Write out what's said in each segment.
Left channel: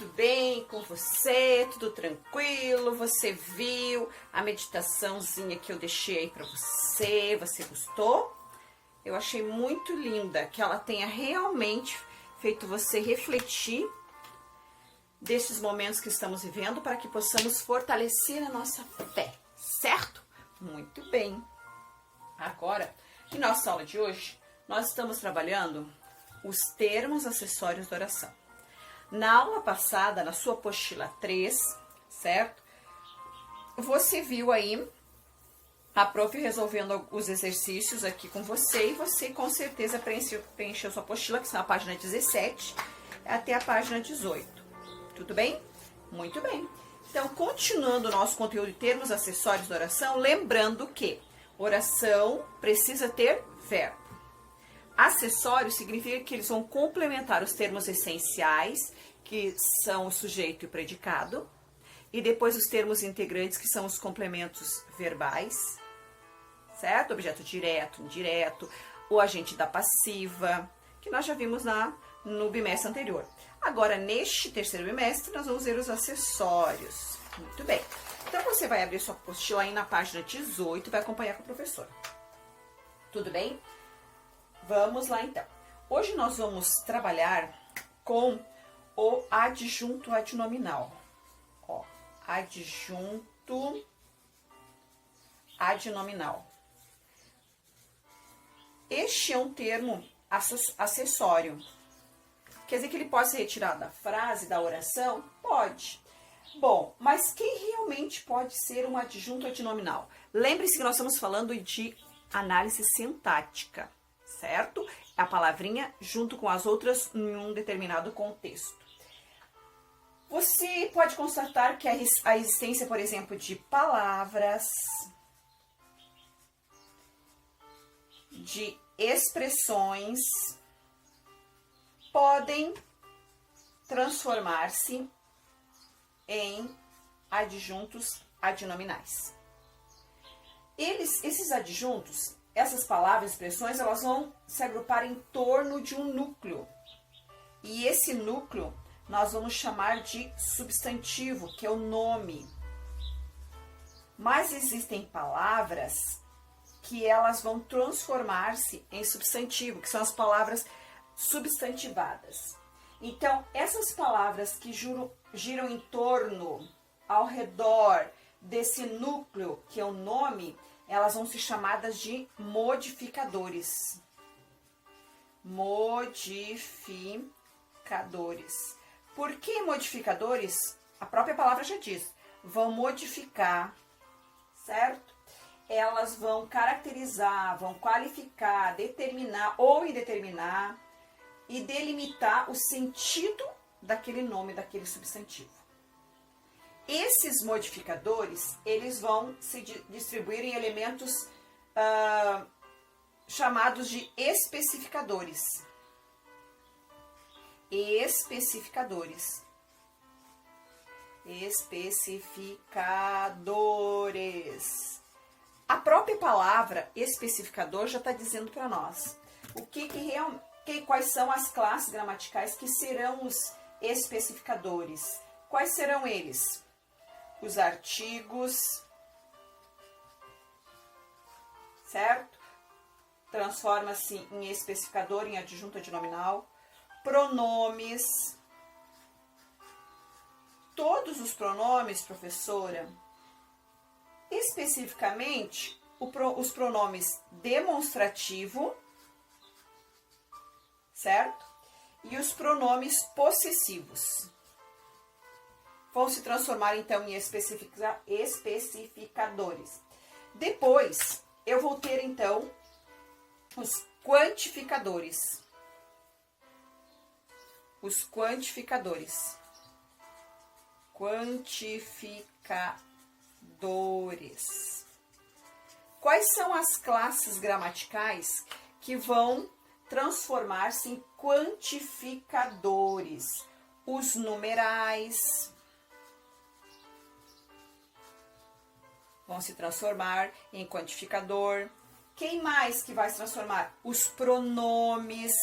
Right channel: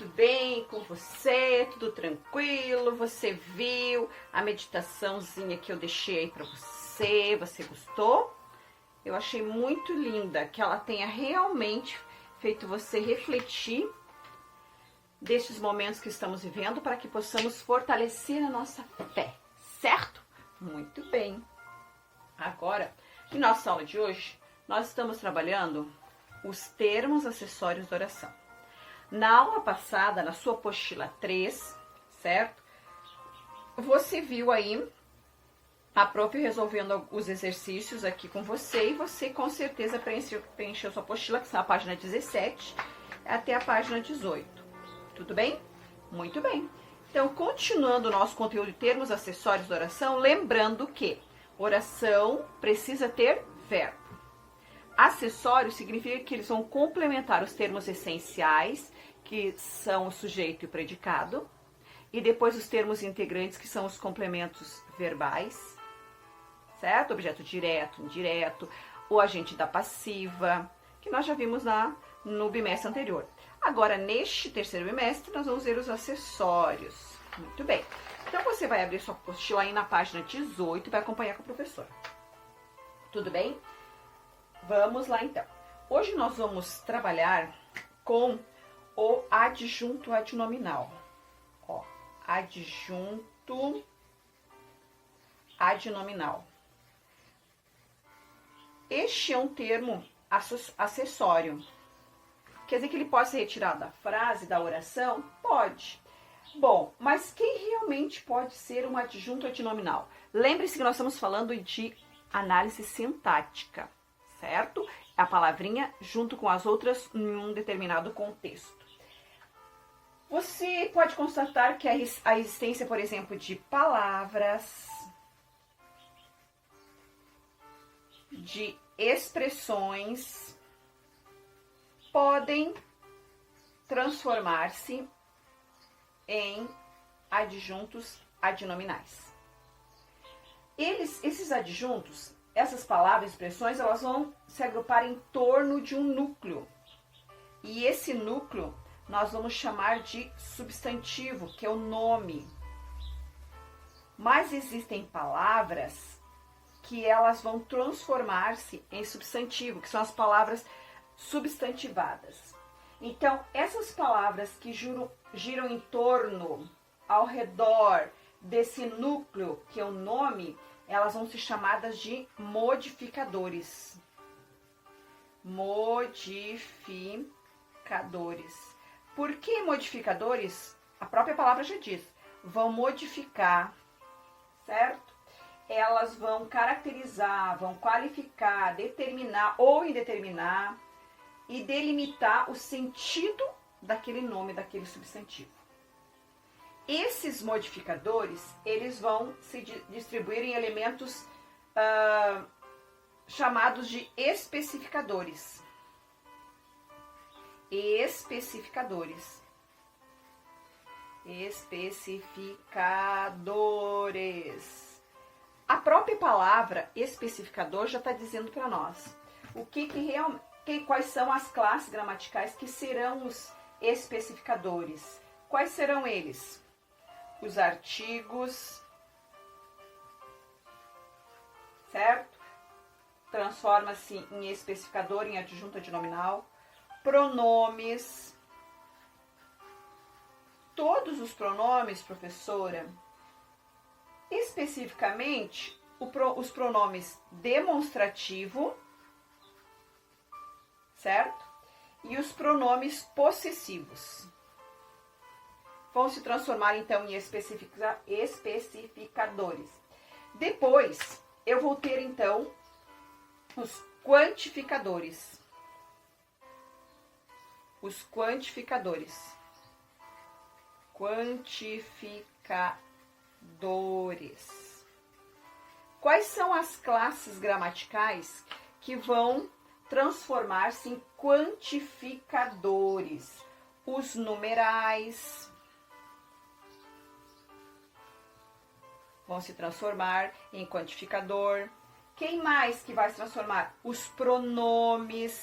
tudo bem com você? Tudo tranquilo? Você viu a meditaçãozinha que eu deixei aí pra você? Você gostou? Eu achei muito linda, que ela tenha realmente feito você refletir desses momentos que estamos vivendo para que possamos fortalecer a nossa fé, certo? Muito bem. Agora, em nossa aula de hoje, nós estamos trabalhando os termos acessórios da oração. Na aula passada, na sua apostila 3, certo? Você viu aí a prof resolvendo os exercícios aqui com você e você com certeza preencheu sua apostila, que está na página 17 até a página 18. Tudo bem? Muito bem. Então, continuando o nosso conteúdo de termos acessórios da oração, lembrando que oração precisa ter verbo. Acessórios significa que eles vão complementar os termos essenciais, que são o sujeito e o predicado, e depois os termos integrantes, que são os complementos verbais, certo? Objeto direto, indireto, o agente da passiva, que nós já vimos no bimestre anterior. Agora, neste terceiro bimestre, nós vamos ver os acessórios. Muito bem. Então, você vai abrir sua apostila aí na página 18 e vai acompanhar com a professora. Tudo bem? Vamos lá, então. Hoje nós vamos trabalhar com o adjunto adnominal. Ó, adjunto adnominal. Este é um termo acessório. Quer dizer que ele pode ser retirado da frase, da oração? Pode. Bom, mas quem realmente pode ser um adjunto adnominal? Lembre-se que nós estamos falando de análise sintática, certo? A palavrinha junto com as outras em um determinado contexto. Você pode constatar que a existência, por exemplo, de palavras, de expressões, podem transformar-se em adjuntos adnominais. Esses adjuntos, essas palavras e expressões, elas vão se agrupar em torno de um núcleo. E esse núcleo nós vamos chamar de substantivo, que é o nome. Mas existem palavras que elas vão transformar-se em substantivo, que são as palavras substantivadas. Então, essas palavras que giram em torno, ao redor desse núcleo, que é o nome, elas vão ser chamadas de modificadores. Modificadores. Por que modificadores? A própria palavra já diz. Vão modificar, certo? Elas vão caracterizar, vão qualificar, determinar ou indeterminar e delimitar o sentido daquele nome, daquele substantivo. Esses modificadores, eles vão se distribuir em elementos chamados de especificadores. Especificadores. A própria palavra especificador já está dizendo para nós quais são as classes gramaticais que serão os especificadores. Quais serão eles? Os artigos, certo? Transforma-se em especificador, em adjunto adnominal. Pronomes. Todos os pronomes, professora, especificamente os pronomes demonstrativo, certo? E os pronomes possessivos. Vão se transformar, então, em especificadores. Depois, eu vou ter, então, os quantificadores. Os quantificadores. Quantificadores. Quais são as classes gramaticais que vão transformar-se em quantificadores? Os numerais vão se transformar em quantificador. Quem mais que vai se transformar? Os pronomes.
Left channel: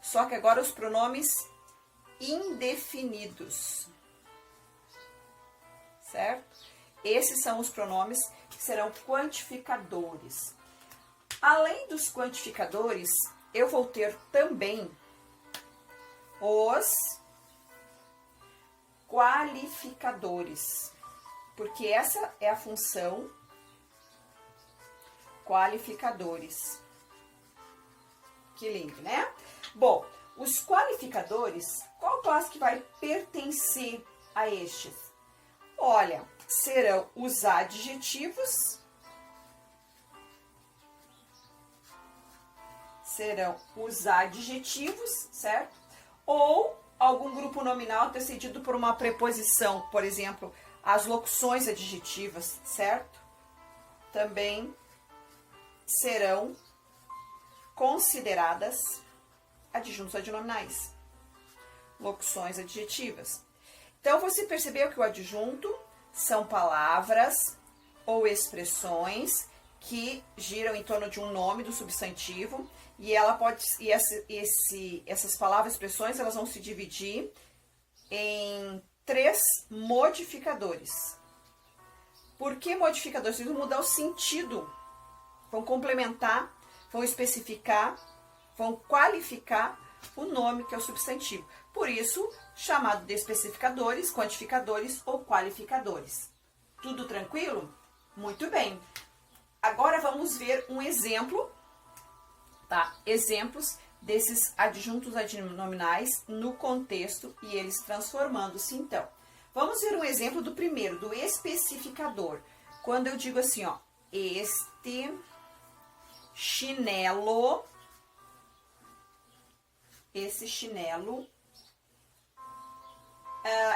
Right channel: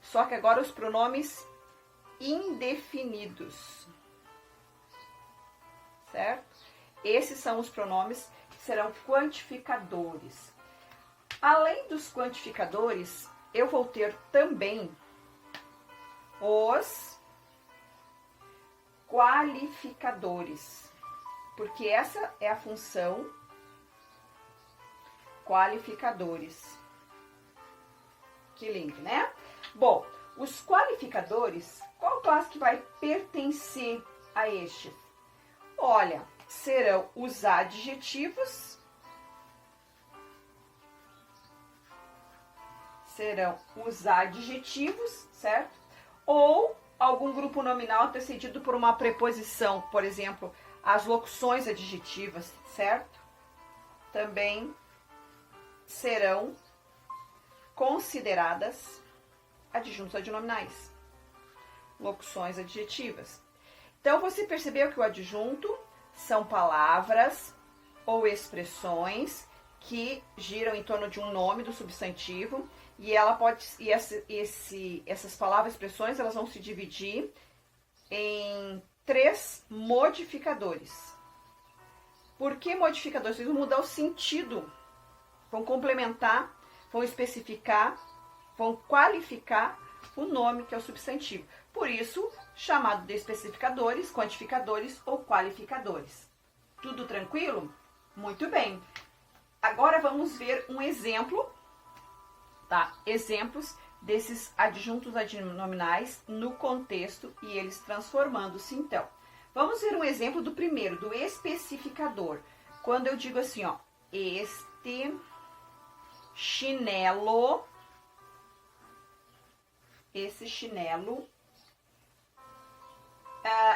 Só que agora os pronomes indefinidos. Certo? Esses são os pronomes que serão quantificadores. Além dos quantificadores, eu vou ter também os qualificadores, porque essa é a função qualificadores. Que lindo, né? Bom, os qualificadores, qual classe que vai pertencer a estes? Olha, serão os adjetivos, certo? Ou algum grupo nominal antecedido por uma preposição, por exemplo, as locuções adjetivas, certo? Também serão consideradas adjuntos adnominais, locuções adjetivas. Então, você percebeu que o adjunto são palavras ou expressões que giram em torno de um nome do substantivo e essas palavras e expressões elas vão se dividir em 3 modificadores. Por que modificadores? Eles vão mudar o sentido, vão complementar, vão especificar, vão qualificar o nome que é o substantivo. Por isso, chamado de especificadores, quantificadores ou qualificadores. Tudo tranquilo? Muito bem. Agora vamos ver um exemplo, tá? Exemplos desses adjuntos adnominais no contexto e eles transformando-se então. Vamos ver um exemplo do primeiro, do especificador. Quando eu digo assim, ó, este chinelo, esse chinelo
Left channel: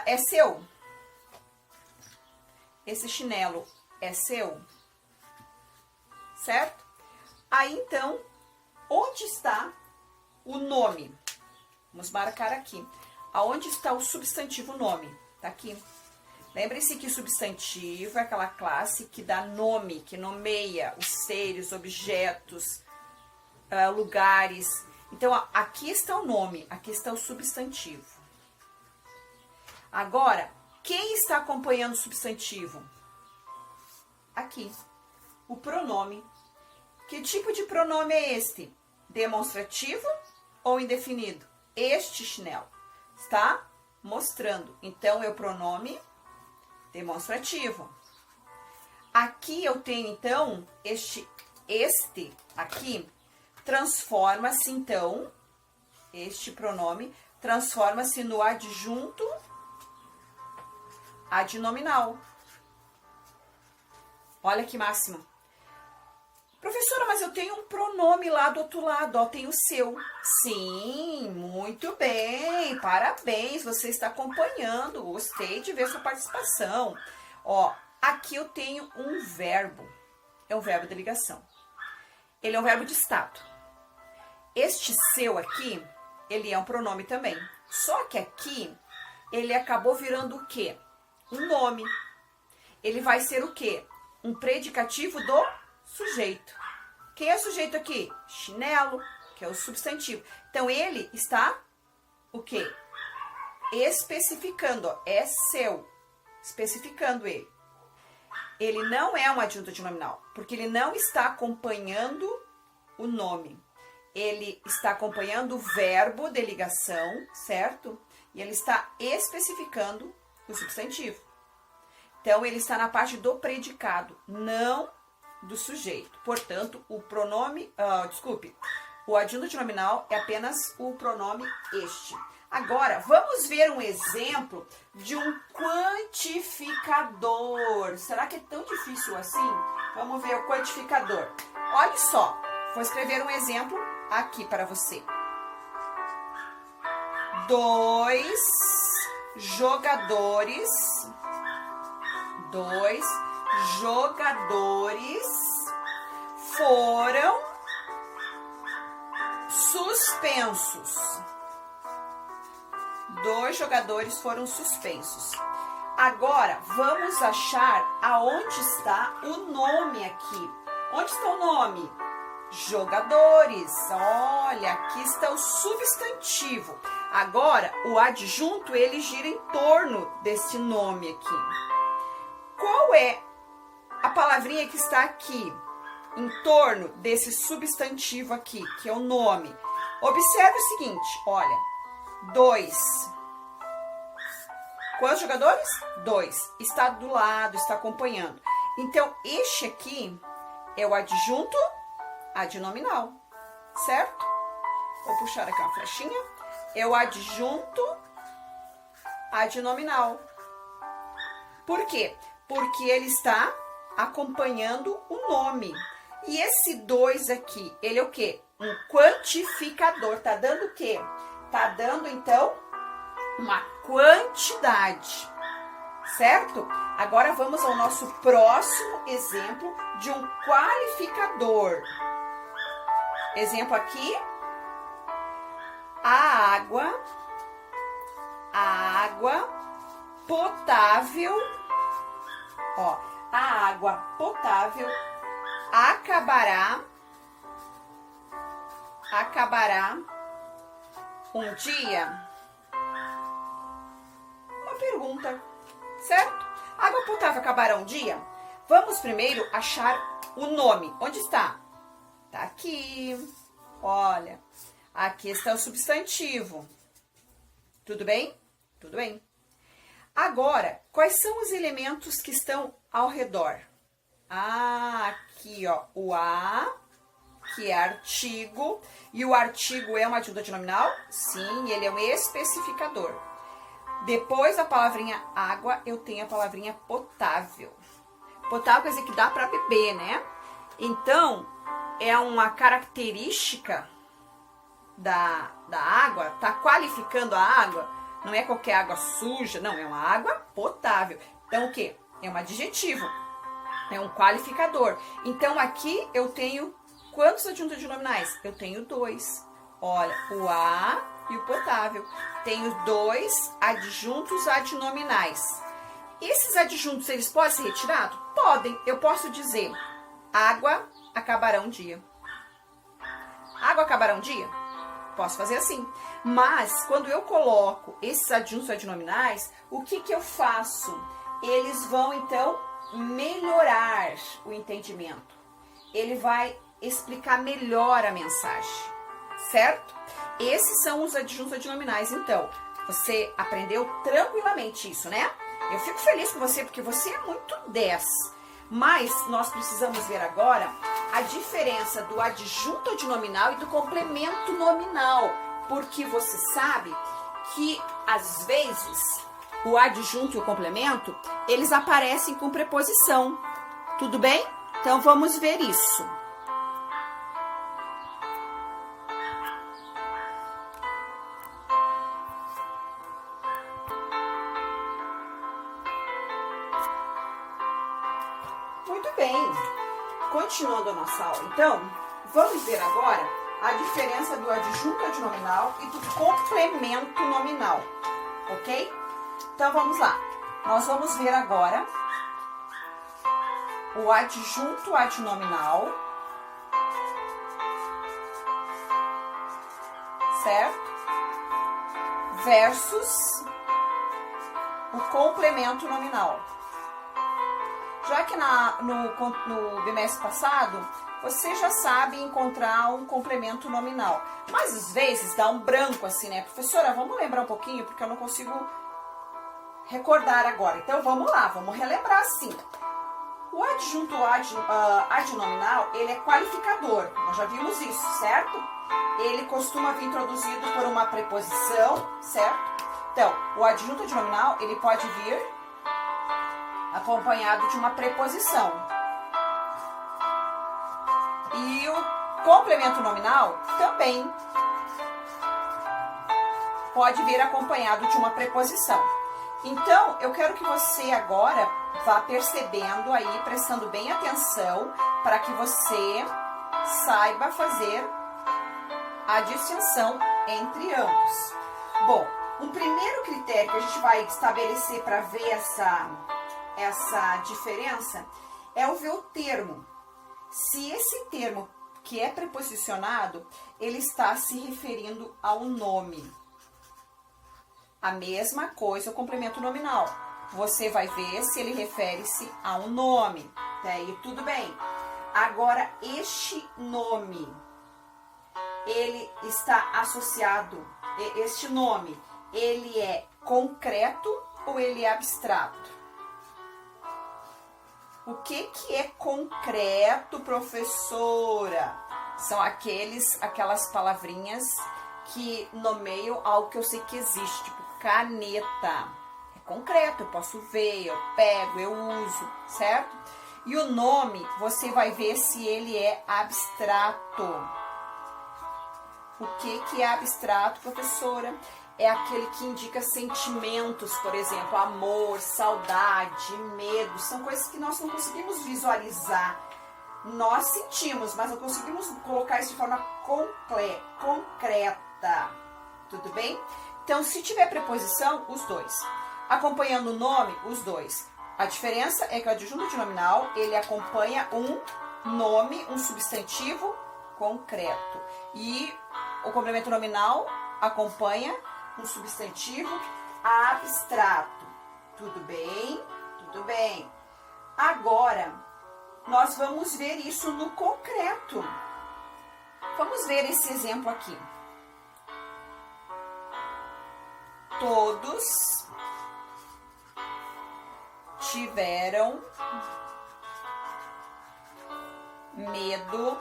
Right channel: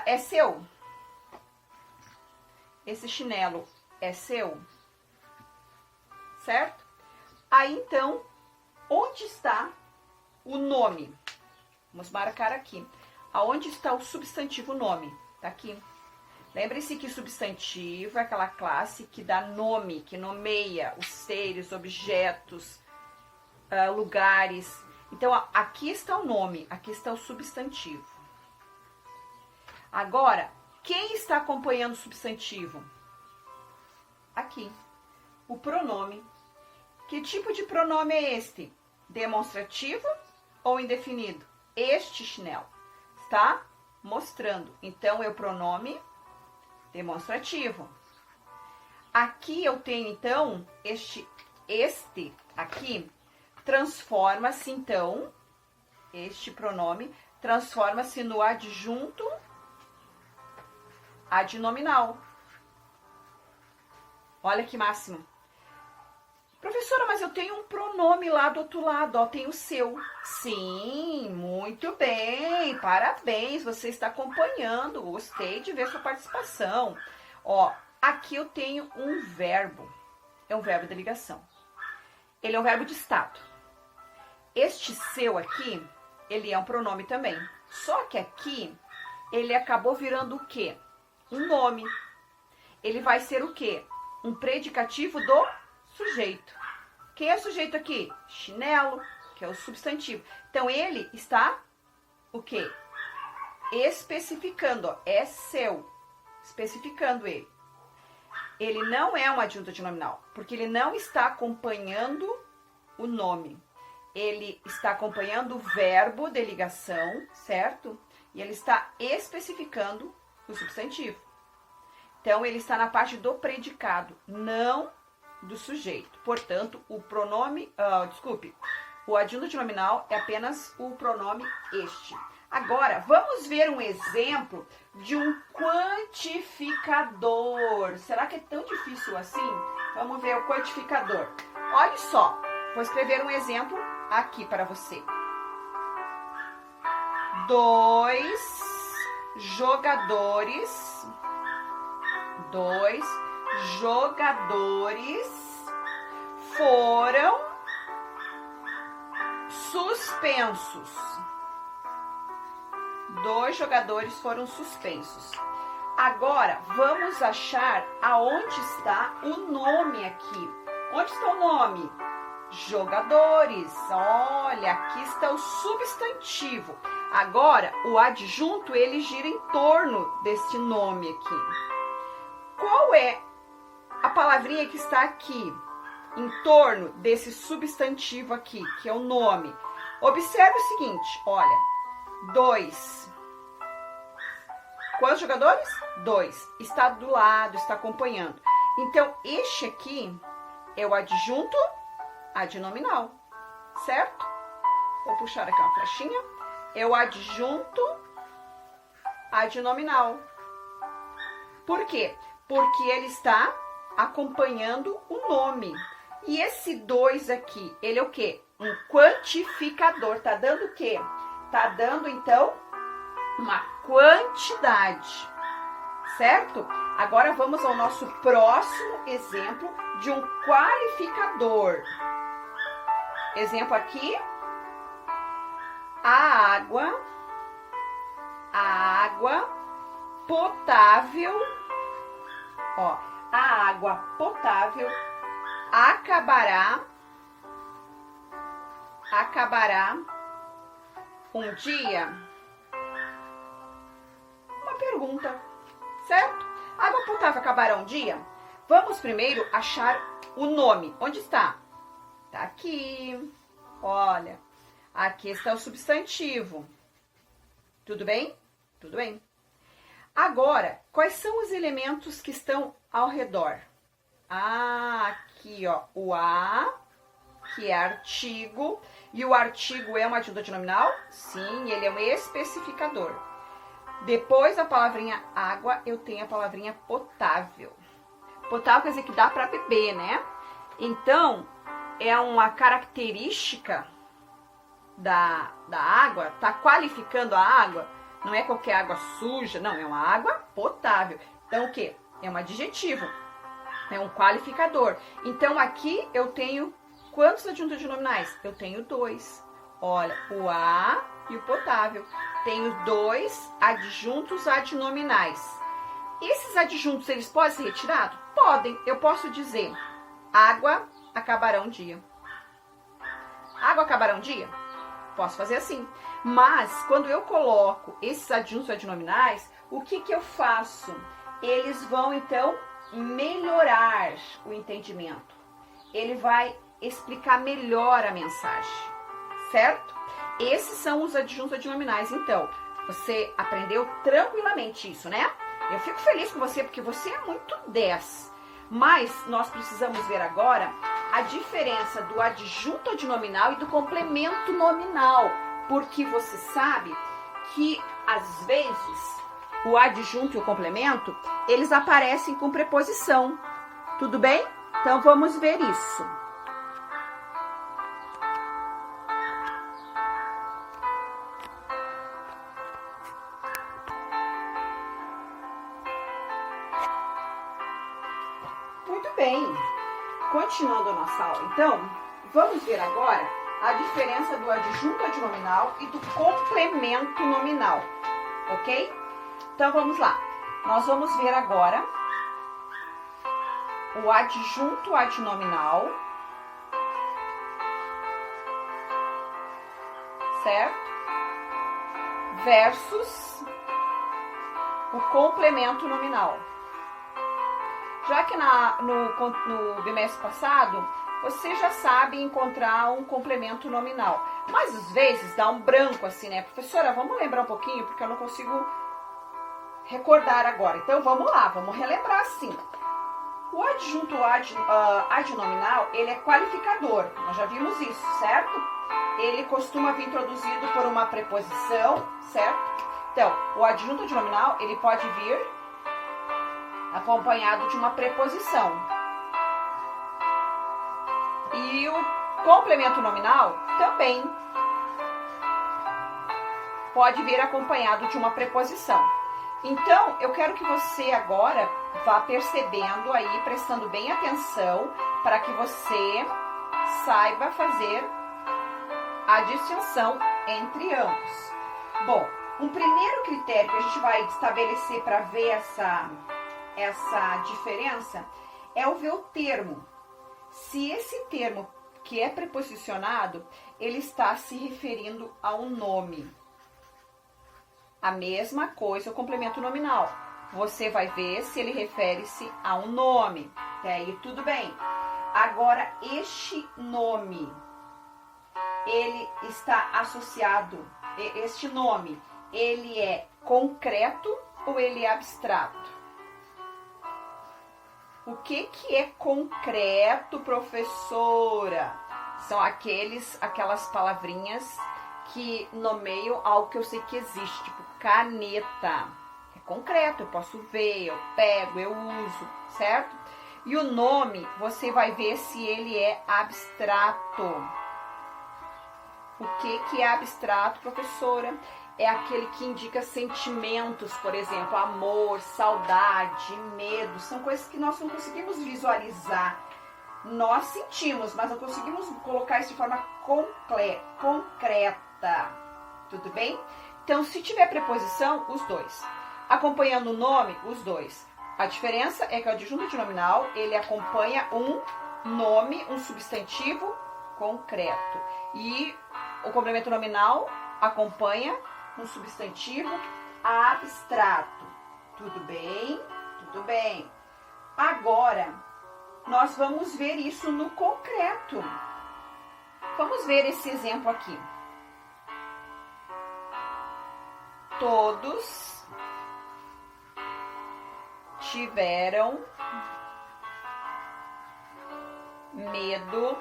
é seu. Esse chinelo é seu, certo? Aí, então, onde está o nome? Vamos marcar aqui. Aonde está o substantivo nome? Tá aqui. Lembre-se que substantivo é aquela classe que dá nome, que nomeia os seres, objetos, lugares. Então, aqui está o nome, aqui está o substantivo. Agora, quem está acompanhando o substantivo? Aqui, o pronome. Que tipo de pronome é este? Demonstrativo ou indefinido? Este chinelo está mostrando. Então, é o pronome demonstrativo. Aqui eu tenho, então, este aqui, transforma-se, então, este pronome transforma-se no adjunto adnominal. Olha que máximo. Professora, mas eu tenho um pronome lá do outro lado, ó, tem o seu. Sim, muito bem, parabéns, você está acompanhando, gostei de ver sua participação. Ó, aqui eu tenho um verbo, é um verbo de ligação. Ele é um verbo de estado. Este seu aqui, ele é um pronome também. Só que aqui, ele acabou virando o quê? Um nome. Ele vai ser o quê? Um predicativo do sujeito. Quem é o sujeito aqui? Chinelo, que é o substantivo. Então, ele está o quê? Especificando, ó, é seu. Especificando ele. Ele não é um adjunto adnominal, porque ele não está acompanhando o nome. Ele está acompanhando o verbo de ligação, certo? E ele está especificando o substantivo. Então, ele está na parte do predicado, não do sujeito. Portanto, o pronome, o adjunto adnominal é apenas o pronome este. Agora, vamos ver um exemplo de um quantificador. Será que é tão difícil assim? Vamos ver o quantificador. Olha só, vou escrever um exemplo aqui para você. 2 jogadores foram suspensos. 2 jogadores foram suspensos. Agora, vamos achar aonde está o nome aqui. Onde está o nome? jogadores. Olha, aqui está o substantivo. Agora, o adjunto, ele gira em torno desse nome aqui. Qual é a palavrinha que está aqui, em torno desse substantivo aqui, que é o nome? Observe o seguinte, olha, 2. Quantos jogadores? 2. Está do lado, está acompanhando. Então, este aqui é o adjunto adnominal, certo? Vou puxar aqui uma flechinha. É o adjunto adnominal. Por quê? Porque ele está acompanhando o nome. E esse 2 aqui, ele é o quê? Um quantificador. Tá dando o quê? Tá dando, então, uma quantidade, certo? Agora vamos ao nosso próximo exemplo de um qualificador. Exemplo aqui, a água potável, ó, a água potável acabará um dia. Uma pergunta, certo? Água potável acabará um dia? Vamos primeiro achar o nome. Onde está? Tá aqui. Olha, aqui está o substantivo. Tudo bem? Tudo bem. Agora, quais são os elementos que estão ao redor? Ah, aqui, ó, o a, que é artigo. E o artigo é uma adjunto adnominal? Sim, ele é um especificador. Depois da palavrinha água, eu tenho a palavrinha potável. Potável quer dizer que dá para beber, né? Então, é uma característica da água, tá qualificando a água. Não é qualquer água suja, não, é uma água potável. Então, o quê? É um adjetivo, é um qualificador. Então, aqui eu tenho quantos adjuntos adnominais? Eu tenho 2. Olha, o a e o potável. Tenho 2 adjuntos adnominais. Esses adjuntos, eles podem ser retirados? Podem. Eu posso dizer, água acabará um dia. Água acabará um dia? Posso fazer assim. Mas, quando eu coloco esses adjuntos adnominais, o que eu faço? Eles vão, então, melhorar o entendimento. Ele vai explicar melhor a mensagem, certo? Esses são os adjuntos adnominais. Então, você aprendeu tranquilamente isso, né? Eu fico feliz com você, porque você é muito 10. Mas nós precisamos ver agora a diferença do adjunto adnominal e do complemento nominal. Porque você sabe que, às vezes, o adjunto e o complemento, eles aparecem com preposição. Tudo bem? Então, vamos ver isso. Muito bem. Continuando a nossa aula, então, vamos ver agora a diferença do adjunto adnominal e do complemento nominal, ok? Então, vamos lá. Nós vamos ver agora o adjunto adnominal, certo? Versus o complemento nominal. Já que no bimestre passado, você já sabe encontrar um complemento nominal. Mas, às vezes, dá um branco assim, né? Professora, vamos lembrar um pouquinho, porque eu não consigo recordar agora. Então, vamos lá, vamos relembrar assim. O adjunto adnominal, ele é qualificador. Nós já vimos isso, certo? Ele costuma vir introduzido por uma preposição, certo? Então, o adjunto adnominal, ele pode vir acompanhado de uma preposição. E o complemento nominal também pode vir acompanhado de uma preposição. Então, eu quero que você agora vá percebendo aí, prestando bem atenção, para que você saiba fazer a distinção entre ambos. Bom, um primeiro critério que a gente vai estabelecer para ver essa diferença é o ver o termo. Se esse termo que é preposicionado, ele está se referindo a um nome. A mesma coisa o complemento nominal. Você vai ver se ele refere-se a um nome. Até aí tudo bem. Agora, este nome, ele está associado, este nome, ele é concreto ou ele é abstrato? O que é concreto, professora? São aquelas palavrinhas que nomeiam algo que eu sei que existe, tipo caneta. É concreto, eu posso ver, eu pego, eu uso, certo? E o nome, você vai ver se ele é abstrato. O que é abstrato, professora? É aquele que indica sentimentos, por exemplo, amor, saudade, medo. São coisas que nós não conseguimos visualizar. Nós sentimos, mas não conseguimos colocar isso de forma concreta. Tudo bem? Então, se tiver preposição, os dois. Acompanhando o nome, os dois. A diferença é que o adjunto de nominal, ele acompanha um nome, um substantivo concreto. E o complemento nominal acompanha um substantivo abstrato. Tudo bem? Tudo bem. Agora, nós vamos ver isso no concreto. Vamos ver esse exemplo aqui. Todos tiveram medo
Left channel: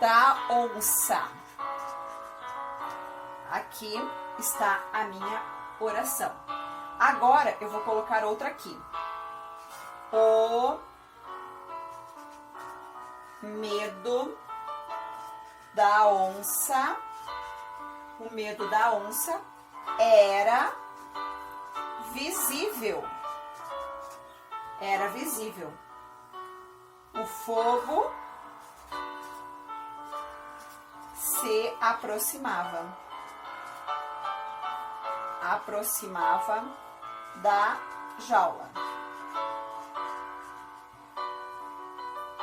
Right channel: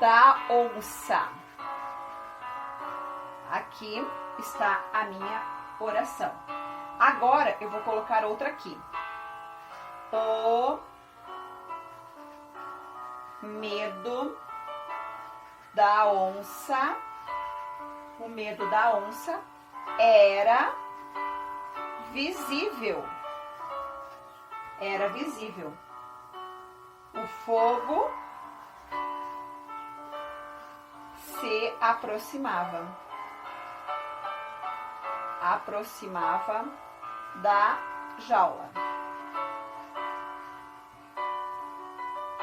da onça. Aqui está a minha oração. Agora eu vou colocar outra aqui. O medo da onça. O medo da onça era visível. Era visível. O fogo se aproximava. Aproximava da jaula.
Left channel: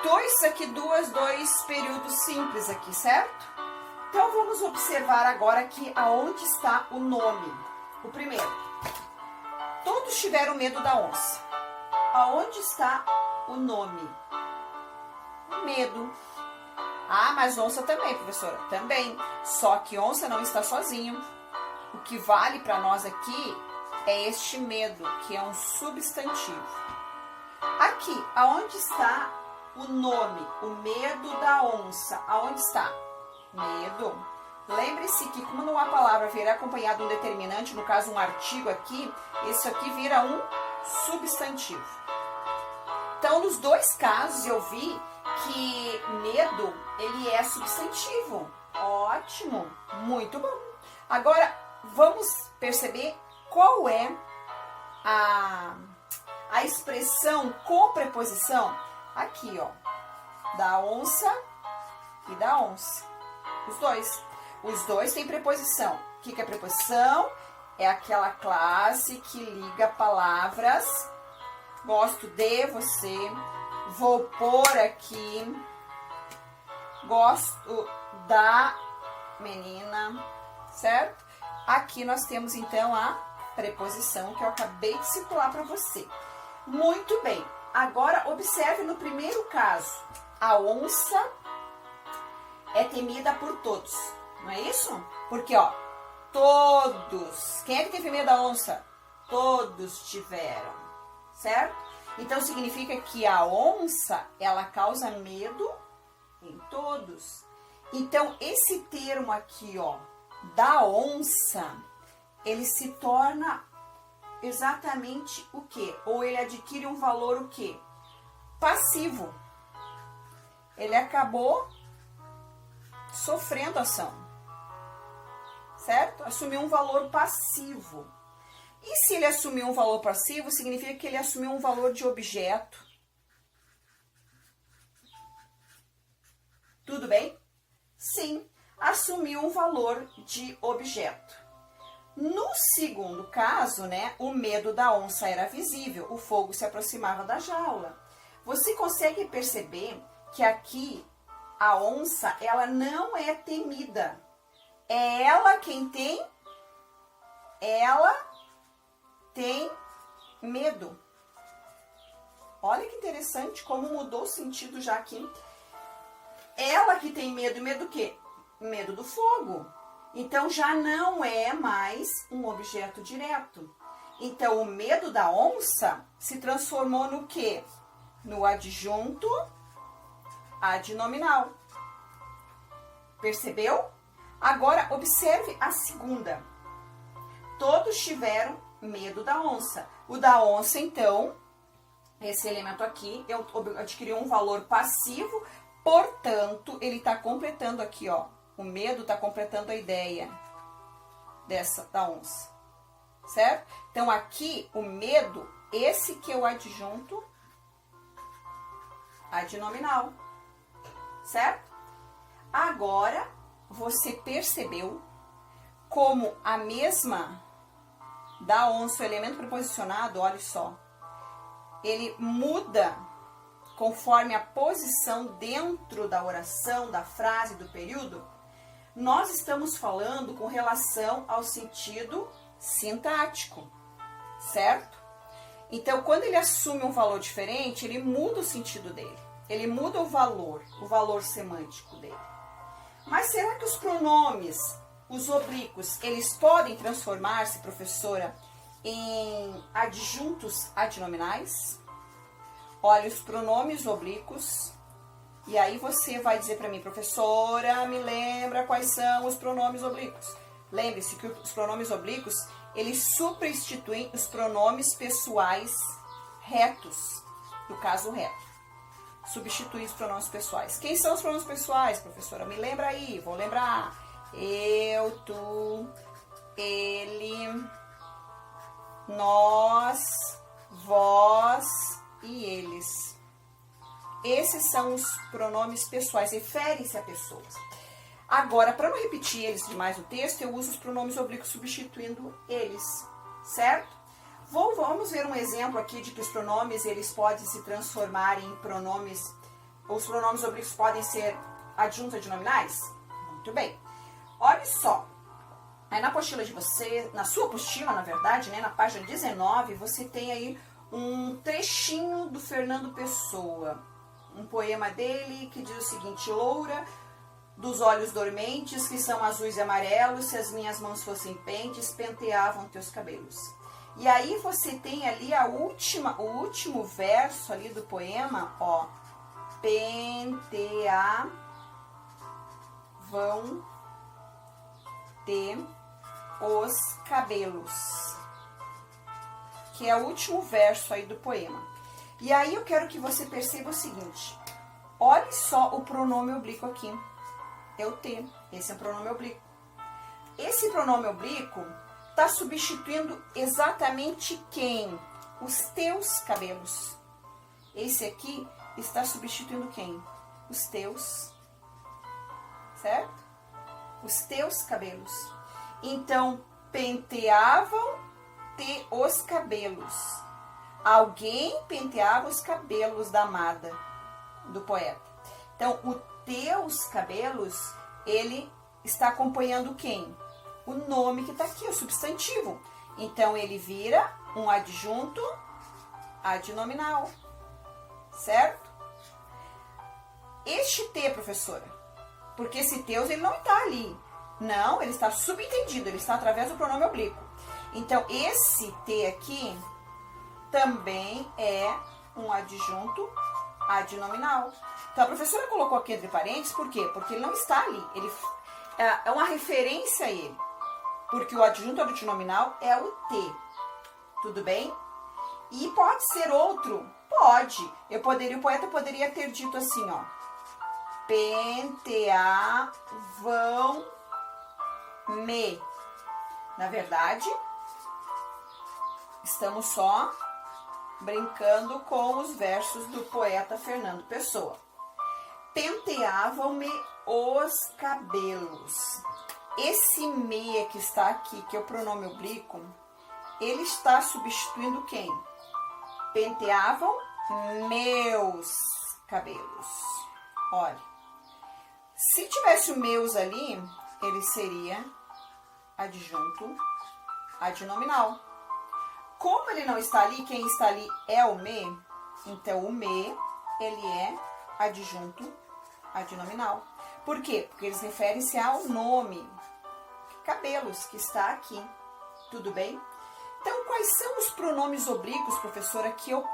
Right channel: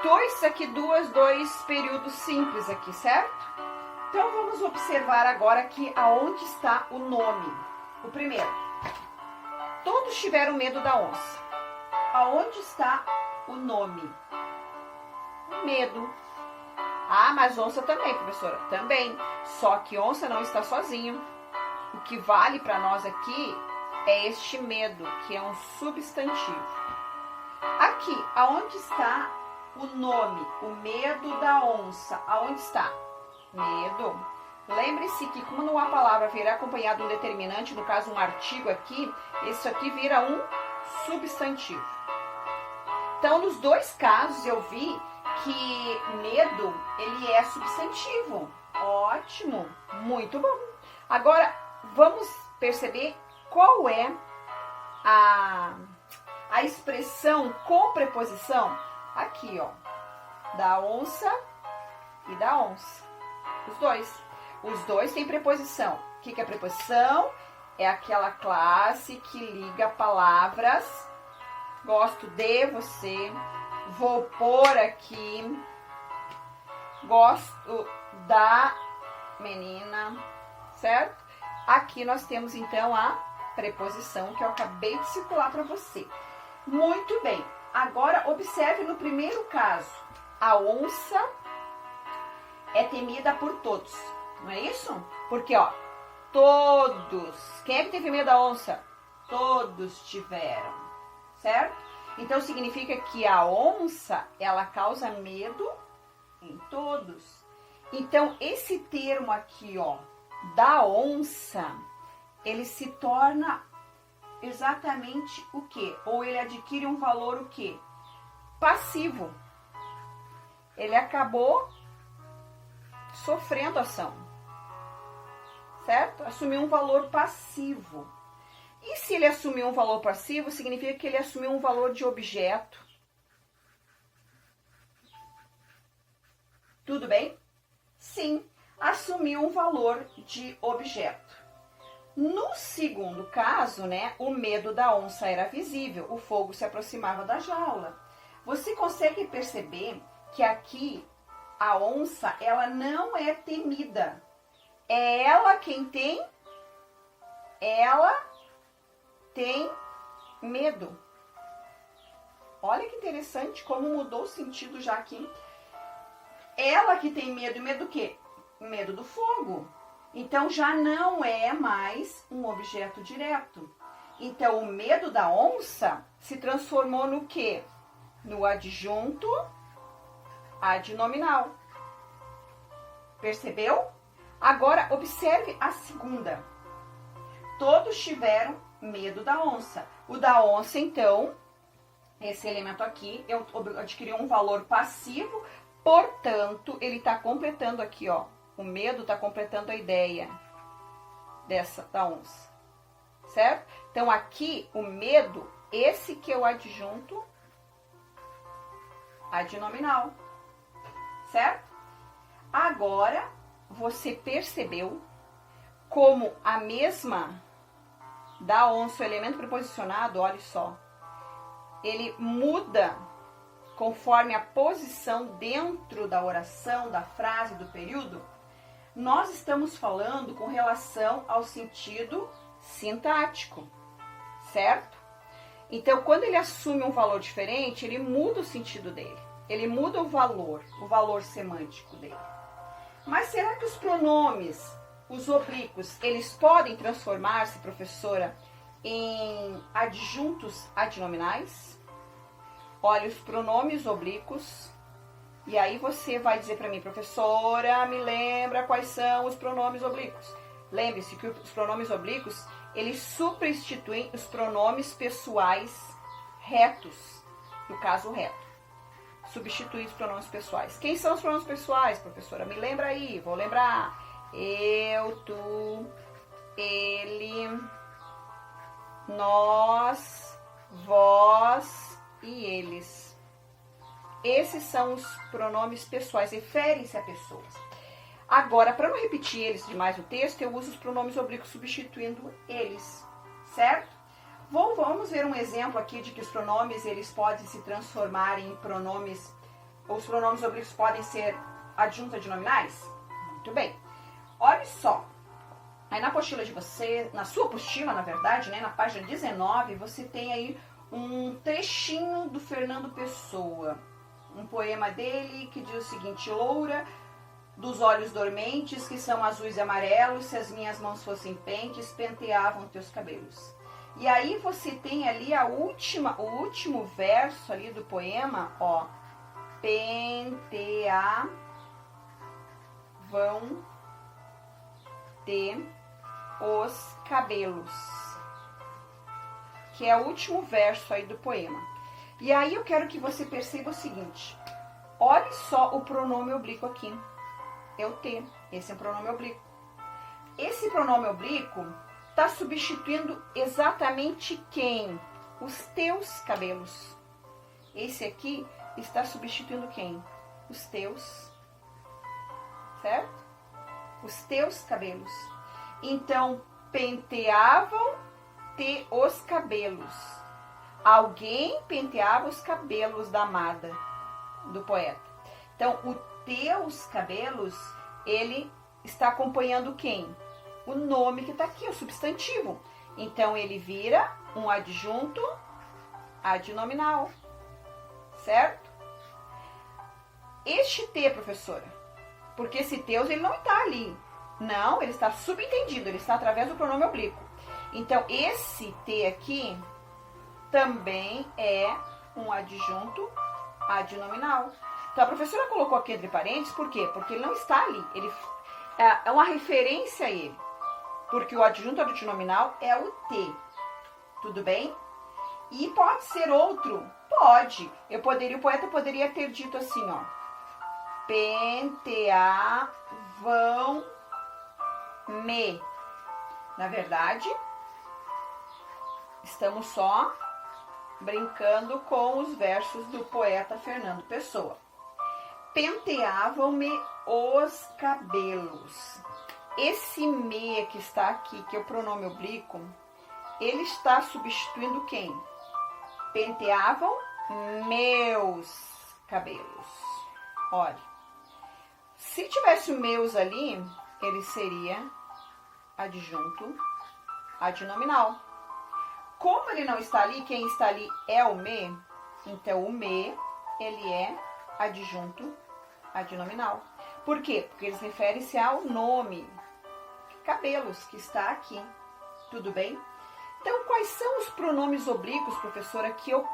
Dois períodos simples aqui, certo? Então, vamos observar agora aqui aonde está o nome. O primeiro. Todos tiveram medo da onça. Aonde está o nome? Medo. Ah, mas onça também, professora. Também. Só que onça não está sozinho. O que vale para nós aqui é este medo, que é um substantivo. Aqui, aonde está o nome? O medo da onça. Aonde está? Medo. Lembre-se que quando uma palavra vier acompanhada de um determinante, no caso um artigo aqui, isso aqui vira um substantivo. Então, nos dois casos eu vi que medo, ele é substantivo. Ótimo, muito bom. Agora, vamos perceber qual é a expressão com preposição. Aqui, ó, da onça e da onça. Os dois. Os dois têm preposição. O que é preposição? É aquela classe que liga palavras. Gosto de você. Vou pôr aqui. Gosto da menina. Certo? Aqui nós temos, então, a preposição que eu acabei de circular para você. Muito bem. Agora, observe no primeiro caso. A onça é temida por todos. Não é isso? Porque, ó, todos. Quem é que teve medo da onça? Todos tiveram. Certo? Então, significa que a onça, ela causa medo em todos. Então, esse termo aqui, ó, da onça, ele se torna exatamente o quê? Ou ele adquire um valor o quê? Passivo. Ele acabou sofrendo ação. Certo? Assumiu um valor passivo. E se ele assumiu um valor passivo, significa que ele assumiu um valor de objeto. Tudo bem? Sim, assumiu um valor de objeto. No segundo caso, né, o medo da onça era visível, o fogo se aproximava da jaula. Você consegue perceber que aqui a onça, ela não é temida. É ela quem tem? Ela tem medo. Olha que interessante como mudou o sentido já aqui. Ela que tem medo. E medo do quê? Medo do fogo. Então, já não é mais um objeto direto. Então, o medo da onça se transformou no quê? No adjunto adnominal. Percebeu? Agora, observe a segunda. Todos tiveram medo da onça. O da onça, então, esse elemento aqui, eu adquiri um valor passivo, portanto, ele está completando aqui, ó. O medo está completando a ideia da onça, certo? Então, aqui, o medo, esse que é o adjunto adnominal, certo? Agora, você percebeu como a mesma da onça, o elemento preposicionado, olha só, ele muda conforme a posição dentro da oração, da frase, do período. Nós estamos falando com relação ao sentido sintático, certo? Então, quando ele assume um valor diferente, ele muda o sentido dele. Ele muda o valor semântico dele. Mas será que os pronomes, os oblíquos, eles podem transformar-se, professora, em adjuntos adnominais? Olha, os pronomes oblíquos. E aí você vai dizer para mim, professora, me lembra quais são os pronomes oblíquos. Lembre-se que os pronomes oblíquos, eles substituem os pronomes pessoais retos, no caso reto. Substitui os pronomes pessoais. Quem são os pronomes pessoais, professora? Me lembra aí, vou lembrar. Eu, tu, ele, nós, vós e eles. Esses são os pronomes pessoais, referem-se a pessoas. Agora, para não repetir eles demais no texto, eu uso os pronomes oblíquos substituindo eles, certo? Vamos ver um exemplo aqui de que os pronomes, eles podem se transformar em pronomes, os pronomes oblíquos podem ser adjuntos adnominais? Muito bem. Olha só, aí na apostila de você, na sua apostila, na verdade, né, na página 19, você tem aí um trechinho do Fernando Pessoa, um poema dele que diz o seguinte: loura dos olhos dormentes, que são azuis e amarelos, se as minhas mãos fossem pentes, penteavam teus cabelos. E aí você tem ali o último verso ali do poema, ó, penteavam te os cabelos, que é o último verso aí do poema. E aí eu quero que você perceba o seguinte, olhe só o pronome oblíquo aqui, eu te, esse é o pronome oblíquo. Esse pronome oblíquo está substituindo exatamente quem? Os teus cabelos. Esse aqui está substituindo quem? Os teus, certo? Os teus cabelos. Então, penteavam-te os cabelos. Alguém penteava os cabelos da amada, do poeta. Então, o teus cabelos, ele está acompanhando quem? O nome que está aqui, o substantivo. Então, ele vira um adjunto adnominal, certo? Este te, professora, porque esse teus, ele não está ali. Não, ele está subentendido, ele está através do pronome oblíquo. Então, esse te aqui também é um adjunto adnominal. Então, a professora colocou aqui entre parênteses, por quê? Porque ele não está ali. Ele é uma referência a ele. Porque o adjunto adnominal é o te. Tudo bem? E pode ser outro? Pode. O poeta poderia ter dito assim, ó. Penteavam-me. Na verdade, estamos só brincando com os versos do poeta Fernando Pessoa. Penteavam-me os cabelos. Esse me que está aqui, que é o pronome oblíquo, ele está substituindo quem? Penteavam meus cabelos. Olha, se tivesse o meus ali, ele seria adjunto adnominal. Como ele não está ali, quem está ali é o me, então o me, ele é adjunto adnominal. Por quê? Porque eles referem-se ao nome, cabelos, que está aqui. Tudo bem? Então, quais são os pronomes oblíquos, professora, que eu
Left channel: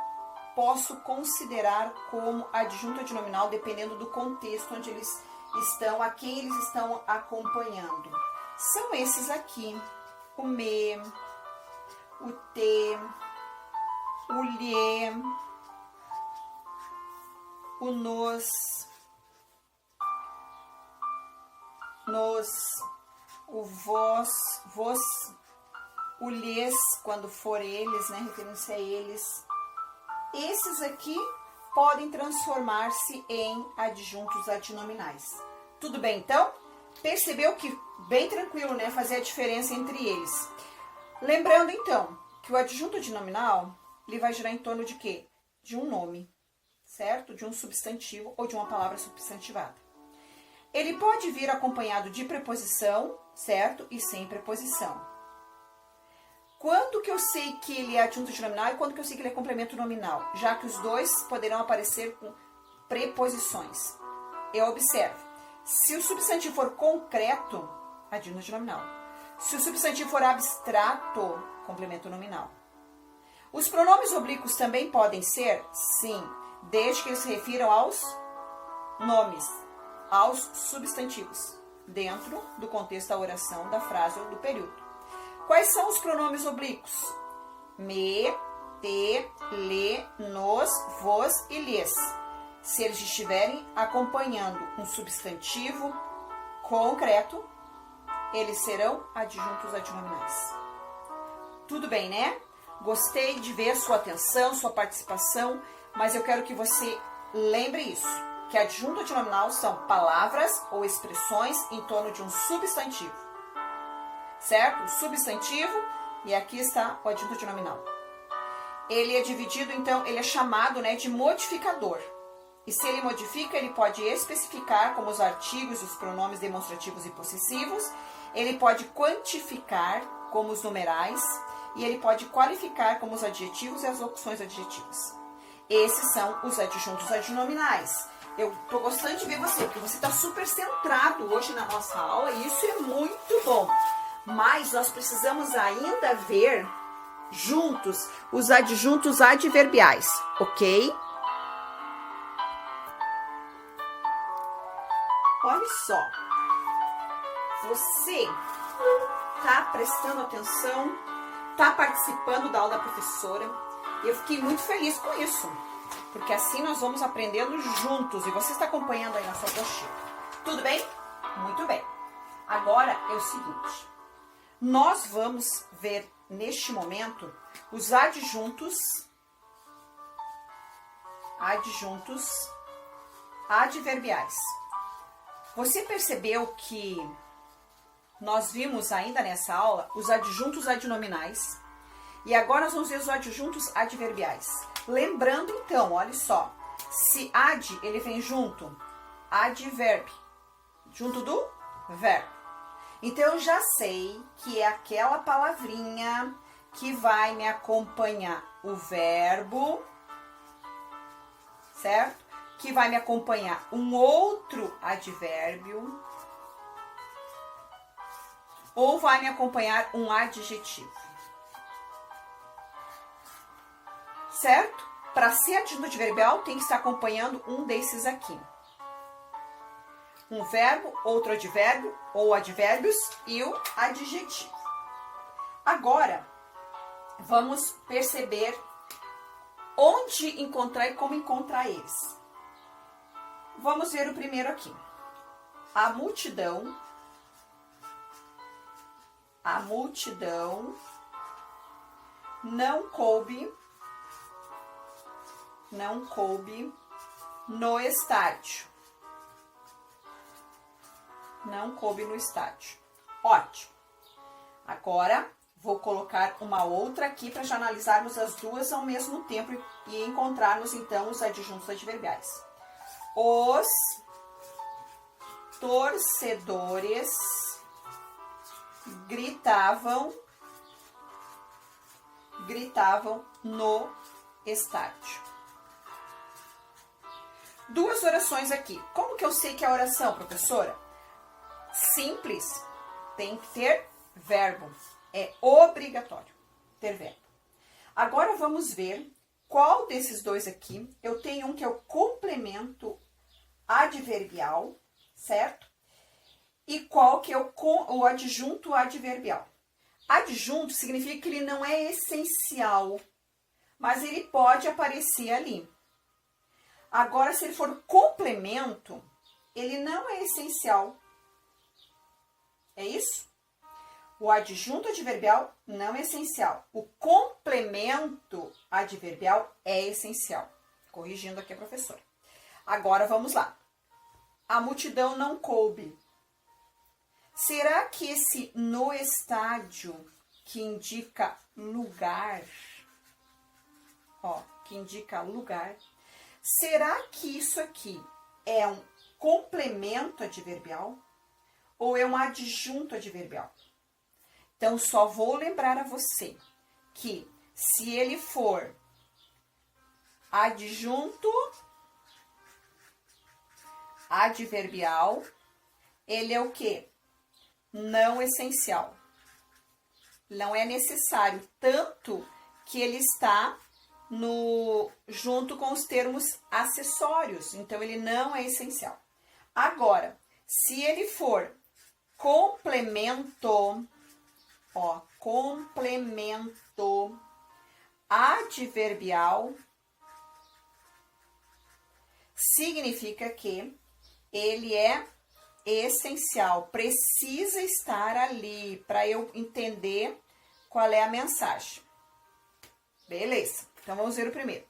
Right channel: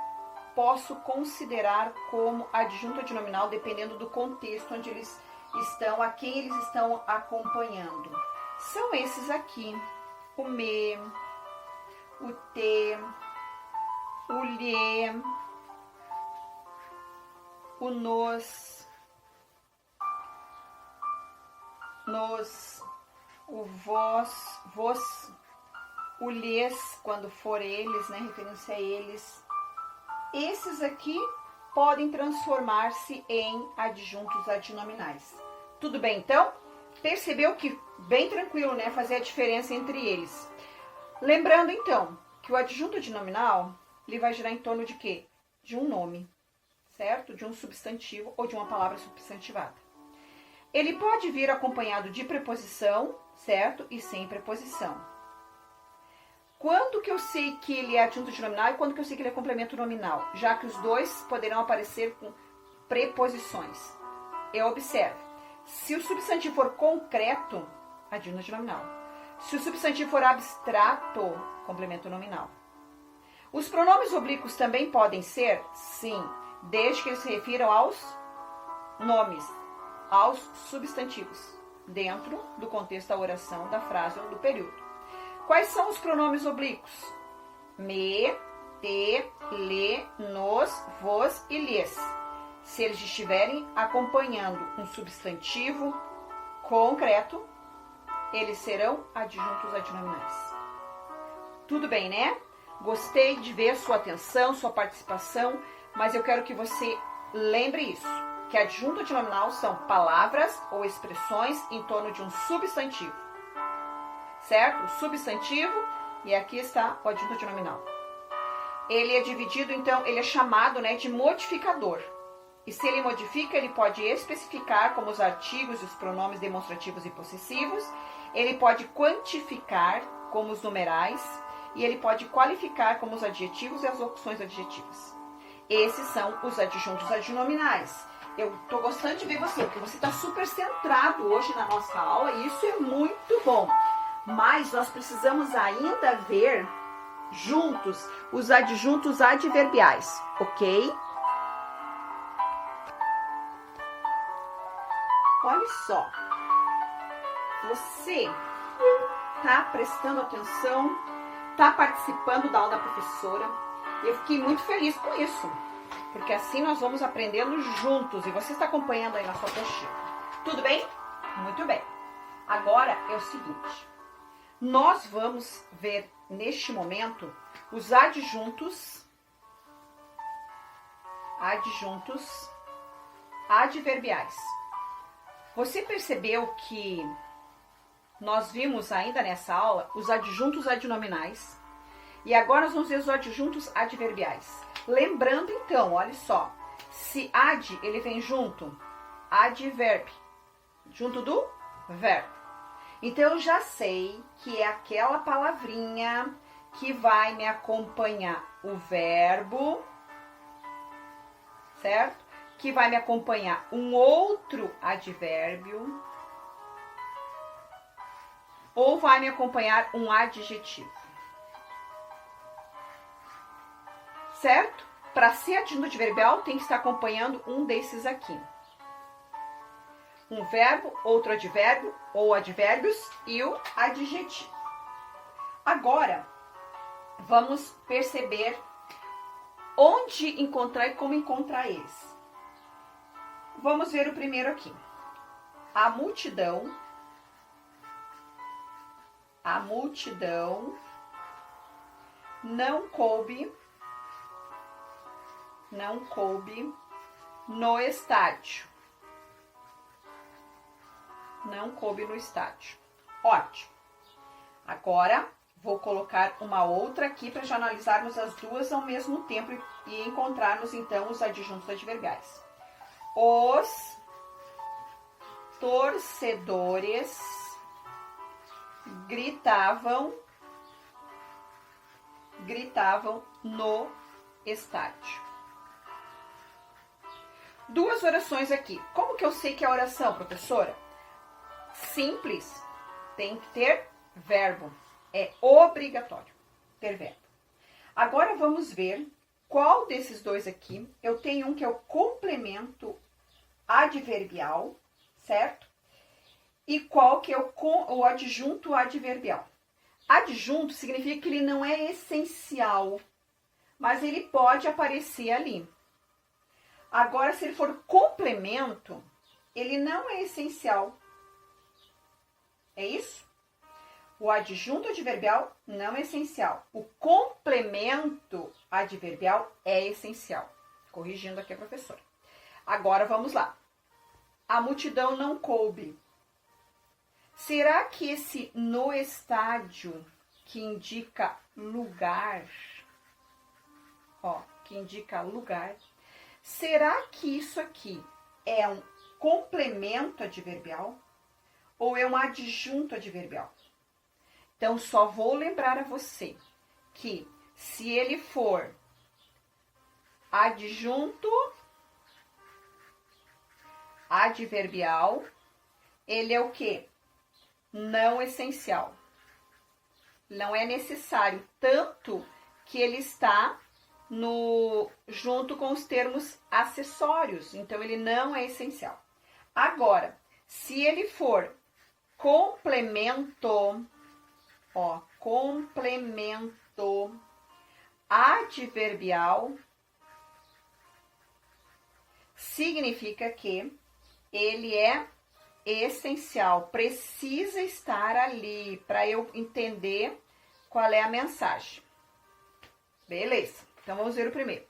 posso considerar como adjunto adnominal, dependendo do contexto onde eles estão, a quem eles estão acompanhando? São esses aqui: o me, o te, o lhe, o nos, o vós, vos, o lhes, quando for eles, né, referência a eles. Esses aqui podem transformar-se em adjuntos adnominais. Tudo bem, então? Percebeu que bem tranquilo, né, fazer a diferença entre eles. Lembrando, então, que o adjunto adnominal, ele vai girar em torno de quê? De um nome, certo? De um substantivo ou de uma palavra substantivada. Ele pode vir acompanhado de preposição, certo? E sem preposição. Quando que eu sei que ele é adjunto adnominal e quando que eu sei que ele é complemento nominal? Já que os dois poderão aparecer com preposições. Eu observo. Se o substantivo for concreto, adjunto adnominal. Se o substantivo for abstrato, complemento nominal. Os pronomes oblíquos também podem ser? Sim, desde que eles se refiram aos nomes, aos substantivos, dentro do contexto da oração, da frase ou do período. Quais são os pronomes oblíquos? Me, te, lhe, nos, vos e lhes. Se eles estiverem acompanhando um substantivo concreto, eles serão adjuntos adnominais. Tudo bem, né? Gostei de ver sua atenção, sua participação, mas eu quero que você lembre isso, que adjunto adnominal são palavras ou expressões em torno de um substantivo. Certo? Substantivo, e aqui está o adjunto adnominal. Ele é dividido, então, ele é chamado, né, de modificador. E se ele modifica, ele pode especificar como os artigos e os pronomes demonstrativos e possessivos, ele pode quantificar como os numerais, e ele pode qualificar como os adjetivos e as locuções adjetivas. Esses são os adjuntos adnominais. Eu tô gostando de ver você, porque você está super centrado hoje na nossa aula, e isso é muito bom. Mas nós precisamos ainda ver juntos os adjuntos adverbiais, ok? Olha só, você tá prestando atenção, tá participando da aula da professora. Eu fiquei muito feliz com isso, porque assim nós vamos aprendendo juntos e você está acompanhando aí na sua apostila. Tudo bem? Muito bem. Agora é o seguinte. Nós vamos ver, neste momento, os adjuntos adverbiais. Você percebeu que nós vimos ainda nessa aula os adjuntos adnominais e agora nós vamos ver os adjuntos adverbiais. Lembrando então, olha só, se ad, ele vem junto, adverb, junto do verbo. Então, eu já sei que é aquela palavrinha que vai me acompanhar o verbo, certo? Que vai me acompanhar um outro advérbio ou vai me acompanhar um adjetivo. Certo? Para ser adjunto adverbial, tem que estar acompanhando um desses aqui. Um verbo, outro advérbio, ou advérbios e o adjetivo. Agora, vamos perceber onde encontrar e como encontrar eles. Vamos ver o primeiro aqui. A multidão não coube no estádio. Não coube no estádio. Ótimo. Agora, Vou colocar uma outra aqui para já analisarmos as duas ao mesmo tempo e encontrarmos, então, os adjuntos adverbiais. Os torcedores gritavam no estádio. Duas orações aqui. Como que eu sei que é a oração, professora? Simples. Tem que ter verbo. É obrigatório ter verbo. Agora vamos ver qual desses dois aqui. Eu tenho um que é o complemento adverbial, certo? E qual que é o adjunto adverbial. Adjunto significa que ele não é essencial, mas ele pode aparecer ali. Agora, se ele for complemento, ele não é essencial. É isso? O adjunto adverbial não é essencial. O complemento adverbial é essencial. Corrigindo aqui a professora. Agora, vamos lá. A multidão não coube. Será que esse no estádio, que indica lugar, que indica lugar, será que isso aqui é um complemento adverbial ou é um adjunto adverbial? Então, só vou lembrar a você que se ele for adjunto adverbial, ele é o quê? Não essencial. Não é necessário, tanto que ele está junto com os termos acessórios. Então, ele não é essencial. Agora, se ele for complemento, complemento adverbial, significa que ele é essencial, precisa estar ali para eu entender qual é a mensagem. Beleza, então vamos ver o primeiro.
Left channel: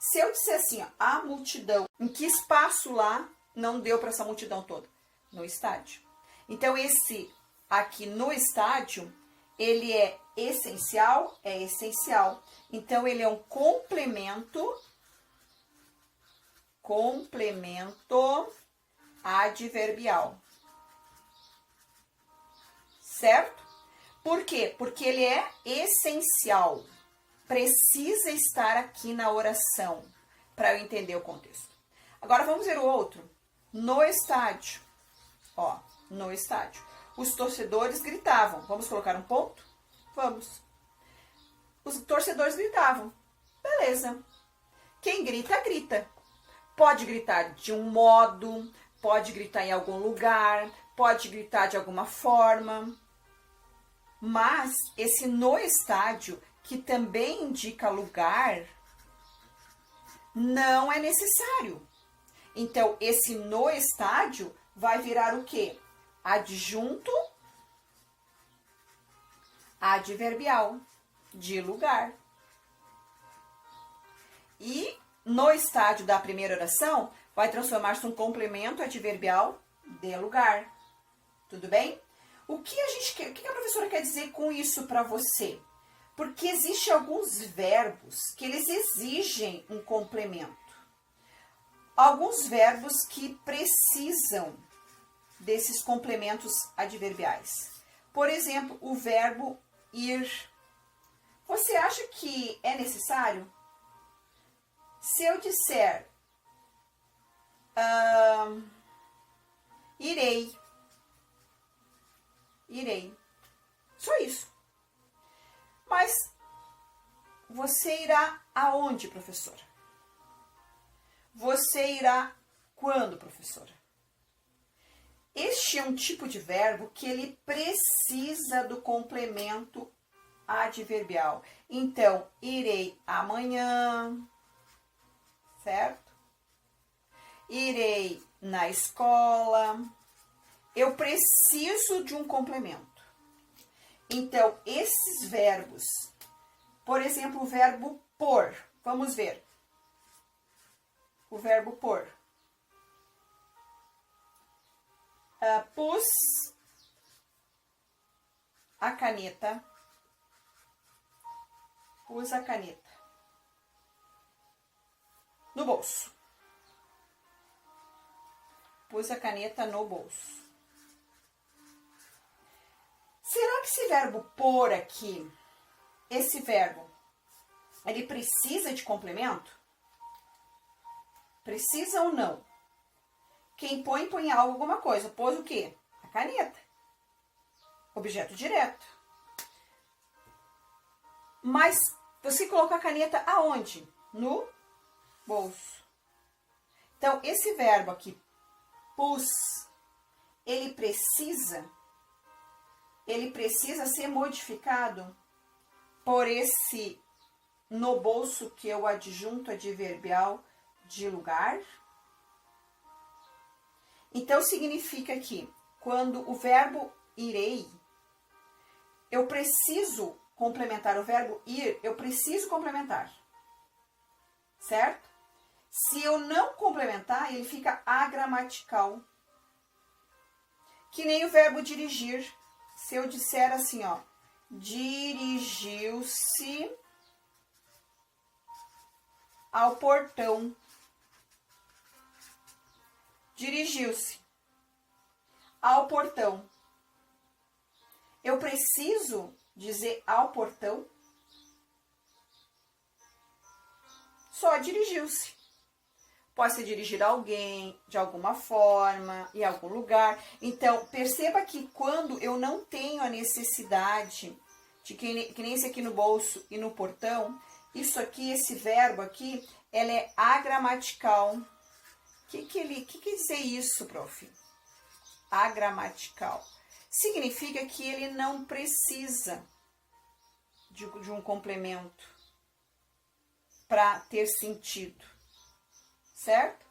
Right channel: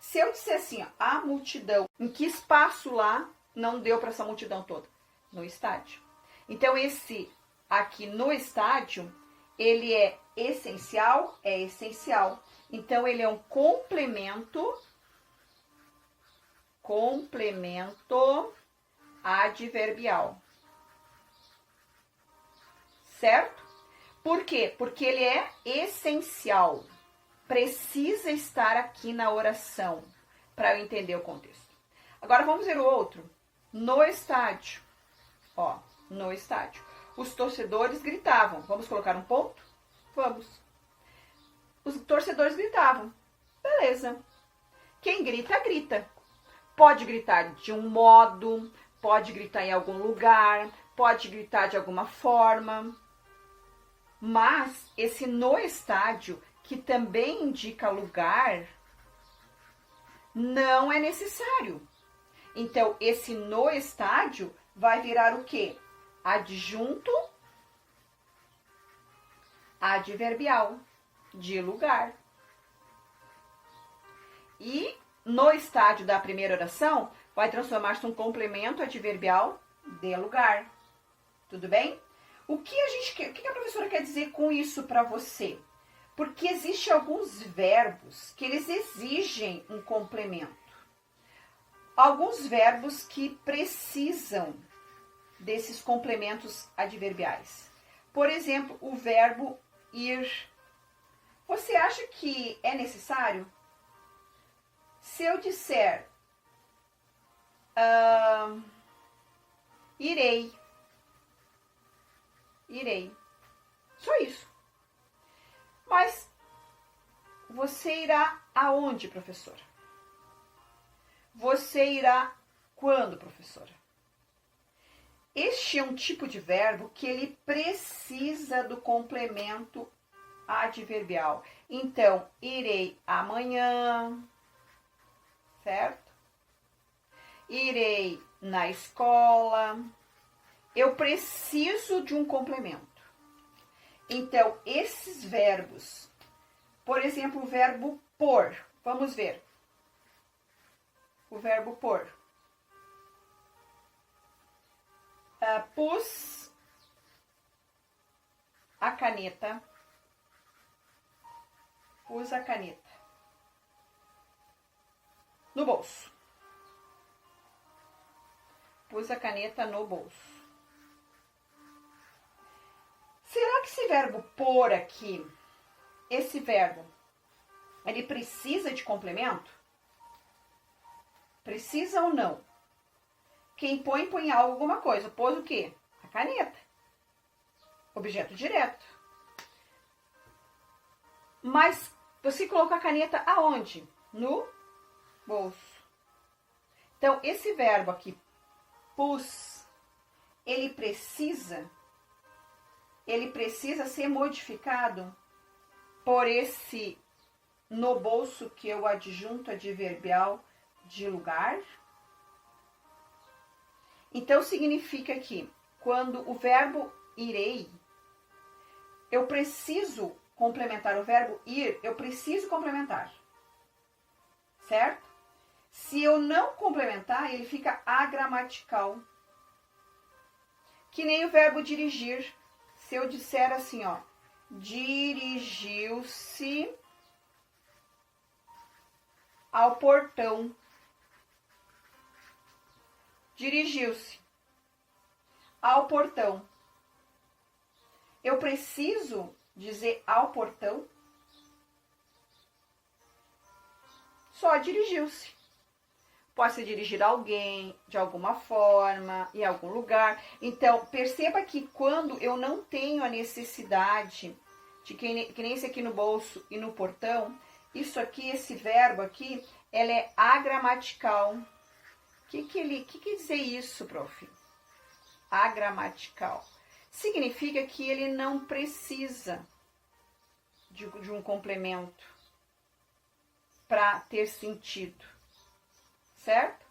Se eu disser assim, a multidão, em que espaço lá não deu para essa multidão toda? No estádio. Então, esse aqui no estádio, ele é essencial? É essencial. Então, ele é um complemento adverbial. Certo? Por quê? Porque ele é essencial. Precisa estar aqui na oração para eu entender o contexto. Agora vamos ver o outro. No estádio. No estádio. Os torcedores gritavam. Vamos colocar um ponto? Vamos. Os torcedores gritavam. Beleza. Quem grita, grita. Pode gritar de um modo, pode gritar em algum lugar, pode gritar de alguma forma. Mas esse no estádio, que também indica lugar, não é necessário. Então, esse no estádio vai virar o quê? Adjunto adverbial de lugar. E no estádio da primeira oração, vai transformar-se num complemento adverbial de lugar. Tudo bem? O que a professora quer dizer com isso para você? Porque existem alguns verbos que eles exigem um complemento. Alguns verbos que precisam desses complementos adverbiais. Por exemplo, o verbo ir. Você acha que é necessário? Se eu disser irei. Só isso. Mas você irá aonde, professora? Você irá quando, professora? Este é um tipo de verbo que ele precisa do complemento adverbial. Então, irei amanhã, certo? Irei na escola. Eu preciso de um complemento. Então, esses verbos, por exemplo, o verbo pôr. Vamos ver. O verbo pôr. Pus a caneta Pus a caneta no bolso. Pus a caneta no bolso. Será que esse verbo pôr aqui, esse verbo, ele precisa de complemento? Precisa ou não? Quem põe, põe algo, alguma coisa. Pôs o quê? A caneta. Objeto direto. Mas você colocou a caneta aonde? No bolso. Então, esse verbo aqui, pus, ele precisa ser modificado por esse no bolso, que é o adjunto adverbial de lugar. Então, significa que quando o verbo irei, eu preciso complementar o verbo ir, eu preciso complementar. Certo? Se eu não complementar, ele fica agramatical. Que nem o verbo dirigir. Se eu disser assim, ó, dirigiu-se ao portão. Dirigiu-se ao portão. Eu preciso dizer ao portão? Só dirigiu-se. Pode se dirigir a alguém, de alguma forma, em algum lugar. Então, perceba que quando eu não tenho a necessidade de que nem esse aqui no bolso e no portão, isso aqui, esse verbo aqui, ela é agramatical. O que quer dizer isso, prof? Agramatical. Significa que ele não precisa de um complemento para ter sentido. Certo?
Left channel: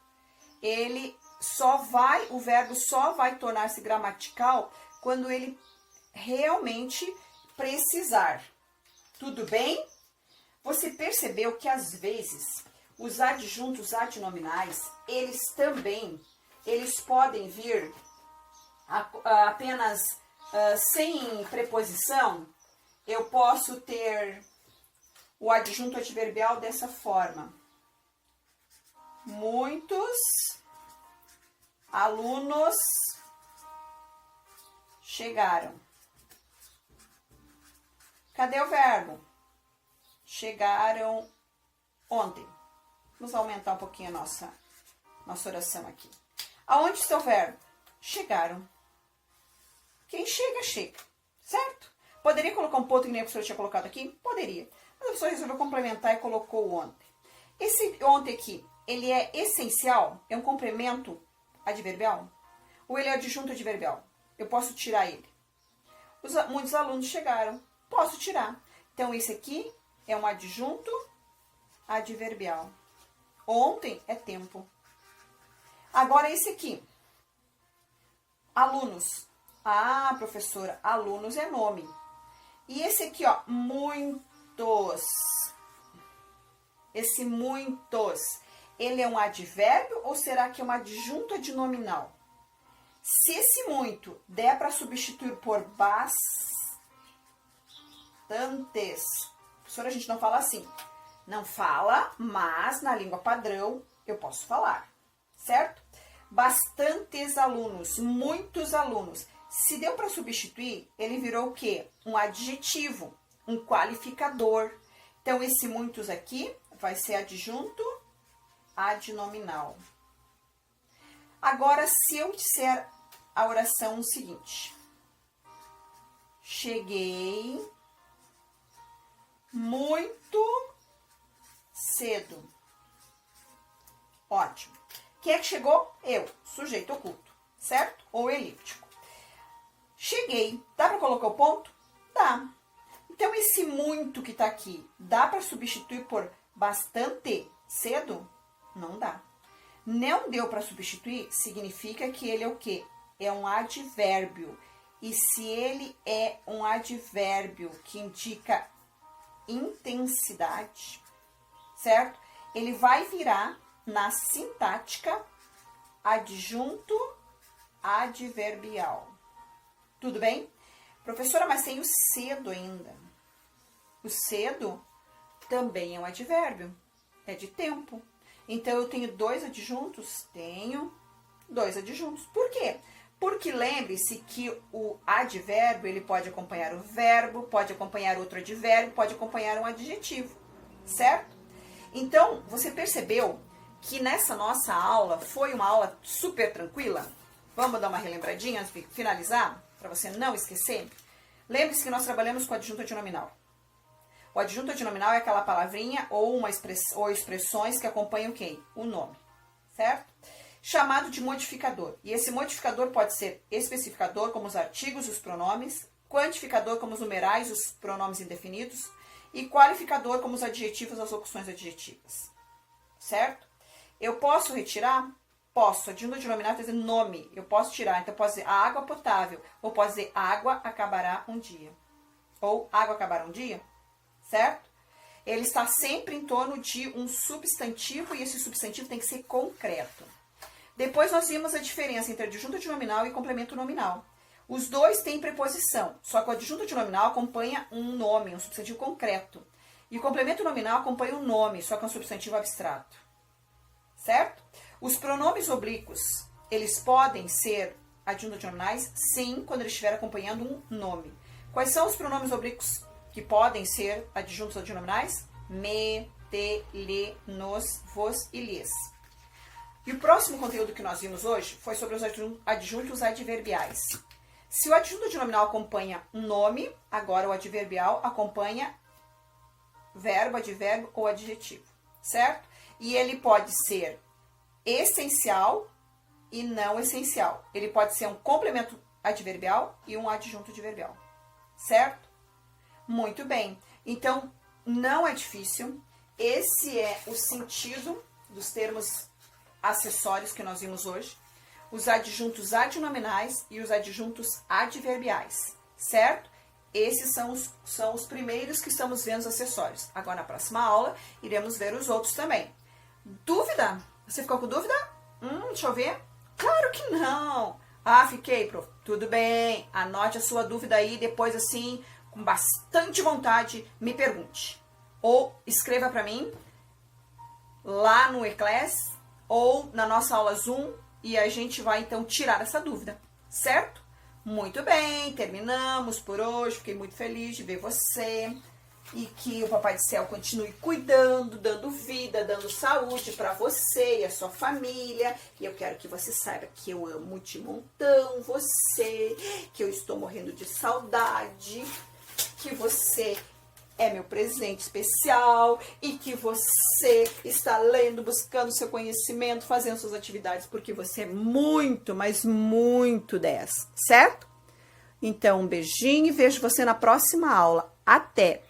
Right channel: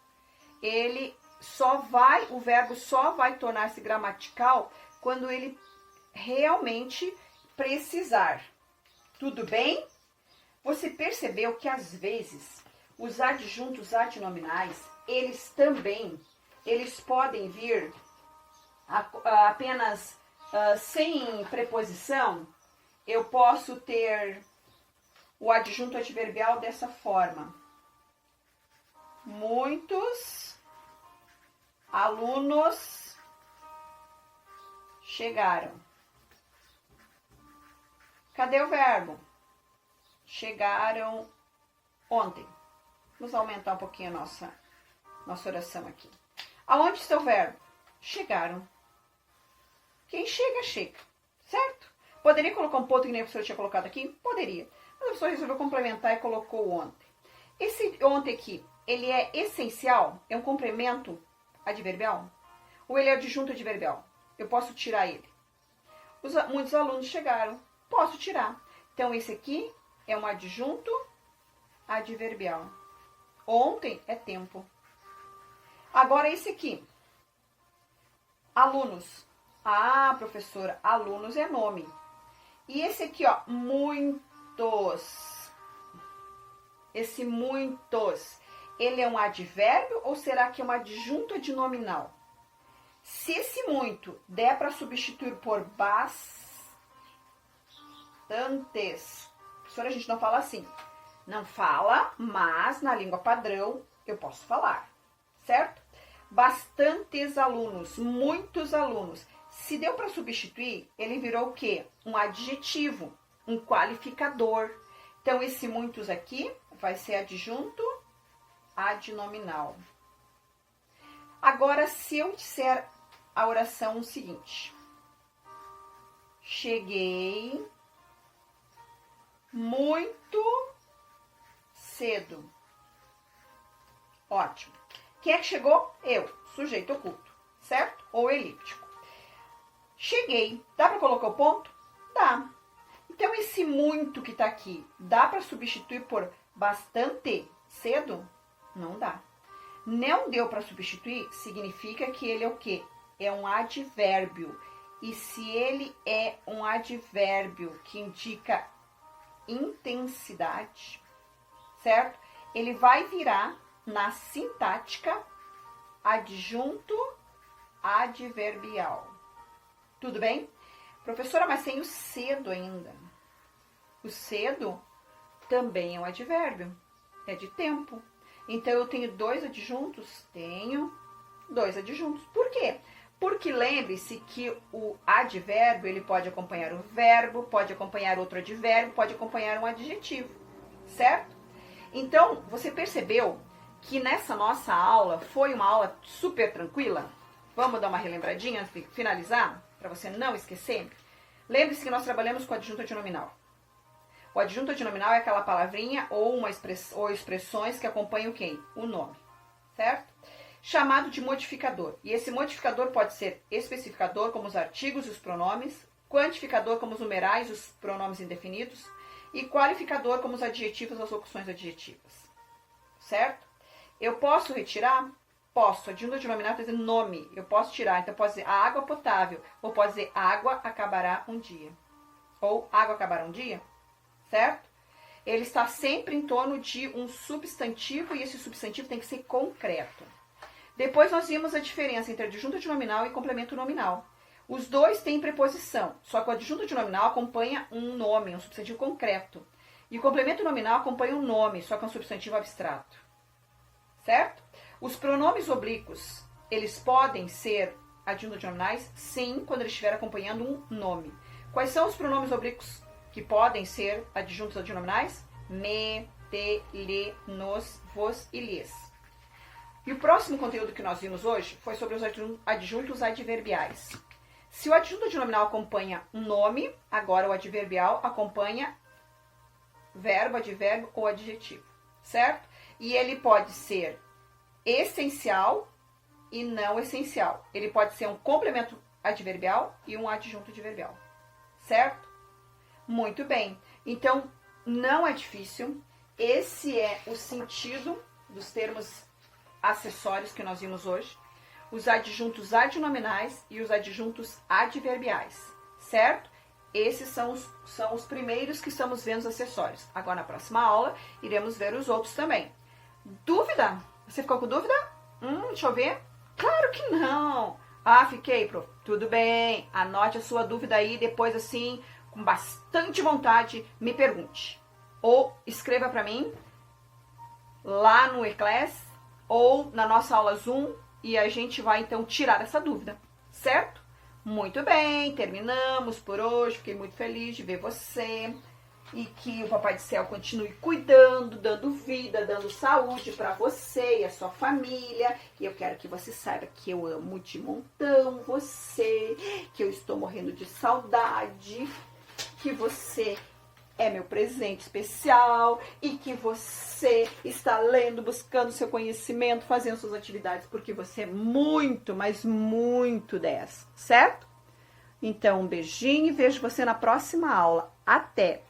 O verbo só vai tornar-se gramatical quando ele realmente precisar. Tudo bem? Você percebeu que às vezes os adjuntos adnominais, eles podem vir apenas sem preposição? Eu posso ter o adjunto adverbial dessa forma. Muitos alunos chegaram. Cadê o verbo? Chegaram ontem. Vamos aumentar um pouquinho a nossa oração aqui. Aonde está o verbo? Chegaram. Quem chega, chega. Certo? Poderia colocar um ponto que nem a professora tinha colocado aqui? Poderia. Mas a professora resolveu complementar e colocou o ontem. Esse ontem aqui, ele é essencial? É um complemento adverbial? Ou ele é adjunto adverbial? Eu posso tirar ele. Muitos alunos chegaram. Posso tirar. Então, esse aqui é um adjunto adverbial. Ontem é tempo. Agora, esse aqui. Alunos. Ah, professora, alunos é nome. E esse aqui, ó, muitos. Esse muitos, ele é um advérbio ou será que é um adjunto adnominal? Se esse muito der para substituir por bastantes, professora, a gente não fala assim. Não fala, mas na língua padrão eu posso falar, certo? Bastantes alunos, muitos alunos. Se deu para substituir, ele virou o quê? Um adjetivo, um qualificador. Então, esse muitos aqui vai ser adjunto adnominal. Agora, se eu disser a oração seguinte. Cheguei muito cedo. Ótimo. Quem é que chegou? Eu, sujeito oculto, certo? Ou elíptico. Cheguei. Dá para colocar o ponto? Dá. Então, esse muito que tá aqui, dá para substituir por bastante cedo? Não dá. Não deu para substituir, significa que ele é o quê? É um advérbio. E se ele é um advérbio que indica intensidade, certo? Ele vai virar na sintática adjunto adverbial. Tudo bem? Professora, mas tem o cedo ainda. O cedo também é um advérbio, é de tempo. Então, eu tenho dois adjuntos? Tenho dois adjuntos. Por quê? Porque lembre-se que o advérbio, ele pode acompanhar o verbo, pode acompanhar outro advérbio, pode acompanhar um adjetivo, certo? Então, você percebeu que nessa nossa aula foi uma aula super tranquila? Vamos dar uma relembradinha antes de finalizar, para você não esquecer? Lembre-se que nós trabalhamos com adjunto adnominal. O adjunto adnominal é aquela palavrinha ou expressões que acompanham quem? O nome, certo? Chamado de modificador. E esse modificador pode ser especificador, como os artigos e os pronomes, quantificador, como os numerais, os pronomes indefinidos, e qualificador, como os adjetivos, as locuções adjetivas. Certo? Eu posso retirar? Posso. Adjunto adnominal quer dizer nome. Eu posso tirar. Então, eu posso dizer a água potável. Ou posso dizer água acabará um dia. Ou água acabará um dia. Certo? Ele está sempre em torno de um substantivo e esse substantivo tem que ser concreto. Depois nós vimos a diferença entre adjunto adnominal e complemento nominal. Os dois têm preposição, só que o adjunto adnominal acompanha um nome, um substantivo concreto. E o complemento nominal acompanha um nome, só que é um substantivo abstrato. Certo? Os pronomes oblíquos, eles podem ser adjuntos adnominais? Sim, quando eles estiverem acompanhando um nome. Quais são os pronomes oblíquos que podem ser adjuntos adnominais? Me, te, lhe, nos, vos e lhes. E o próximo conteúdo que nós vimos hoje foi sobre os adjuntos adverbiais. Se o adjunto adnominal acompanha um nome, agora o adverbial acompanha verbo, advérbio ou adjetivo, certo? E ele pode ser essencial e não essencial. Ele pode ser um complemento adverbial e um adjunto adverbial, certo? Muito bem. Então, não é difícil. Esse é o sentido dos termos acessórios que nós vimos hoje, os adjuntos adnominais e os adjuntos adverbiais, certo? Esses são os primeiros que estamos vendo os acessórios. Agora, na próxima aula, iremos ver os outros também. Dúvida? Você ficou com dúvida? Deixa eu ver. Claro que não. Ah, fiquei, prof. Tudo bem. Anote a sua dúvida aí, depois assim, com bastante vontade, me pergunte. Ou escreva para mim lá no eClass ou na nossa aula Zoom e a gente vai então tirar essa dúvida, certo? Muito bem, terminamos por hoje. Fiquei muito feliz de ver você e que o Papai do Céu continue cuidando, dando vida, dando saúde para você e a sua família. E eu quero que você saiba que eu amo de montão você, que eu estou morrendo de saudade, que você é meu presente especial e que você está lendo, buscando seu conhecimento, fazendo suas atividades, porque você é muito, mas muito 10, certo? Então, um beijinho e vejo você na próxima aula. Até!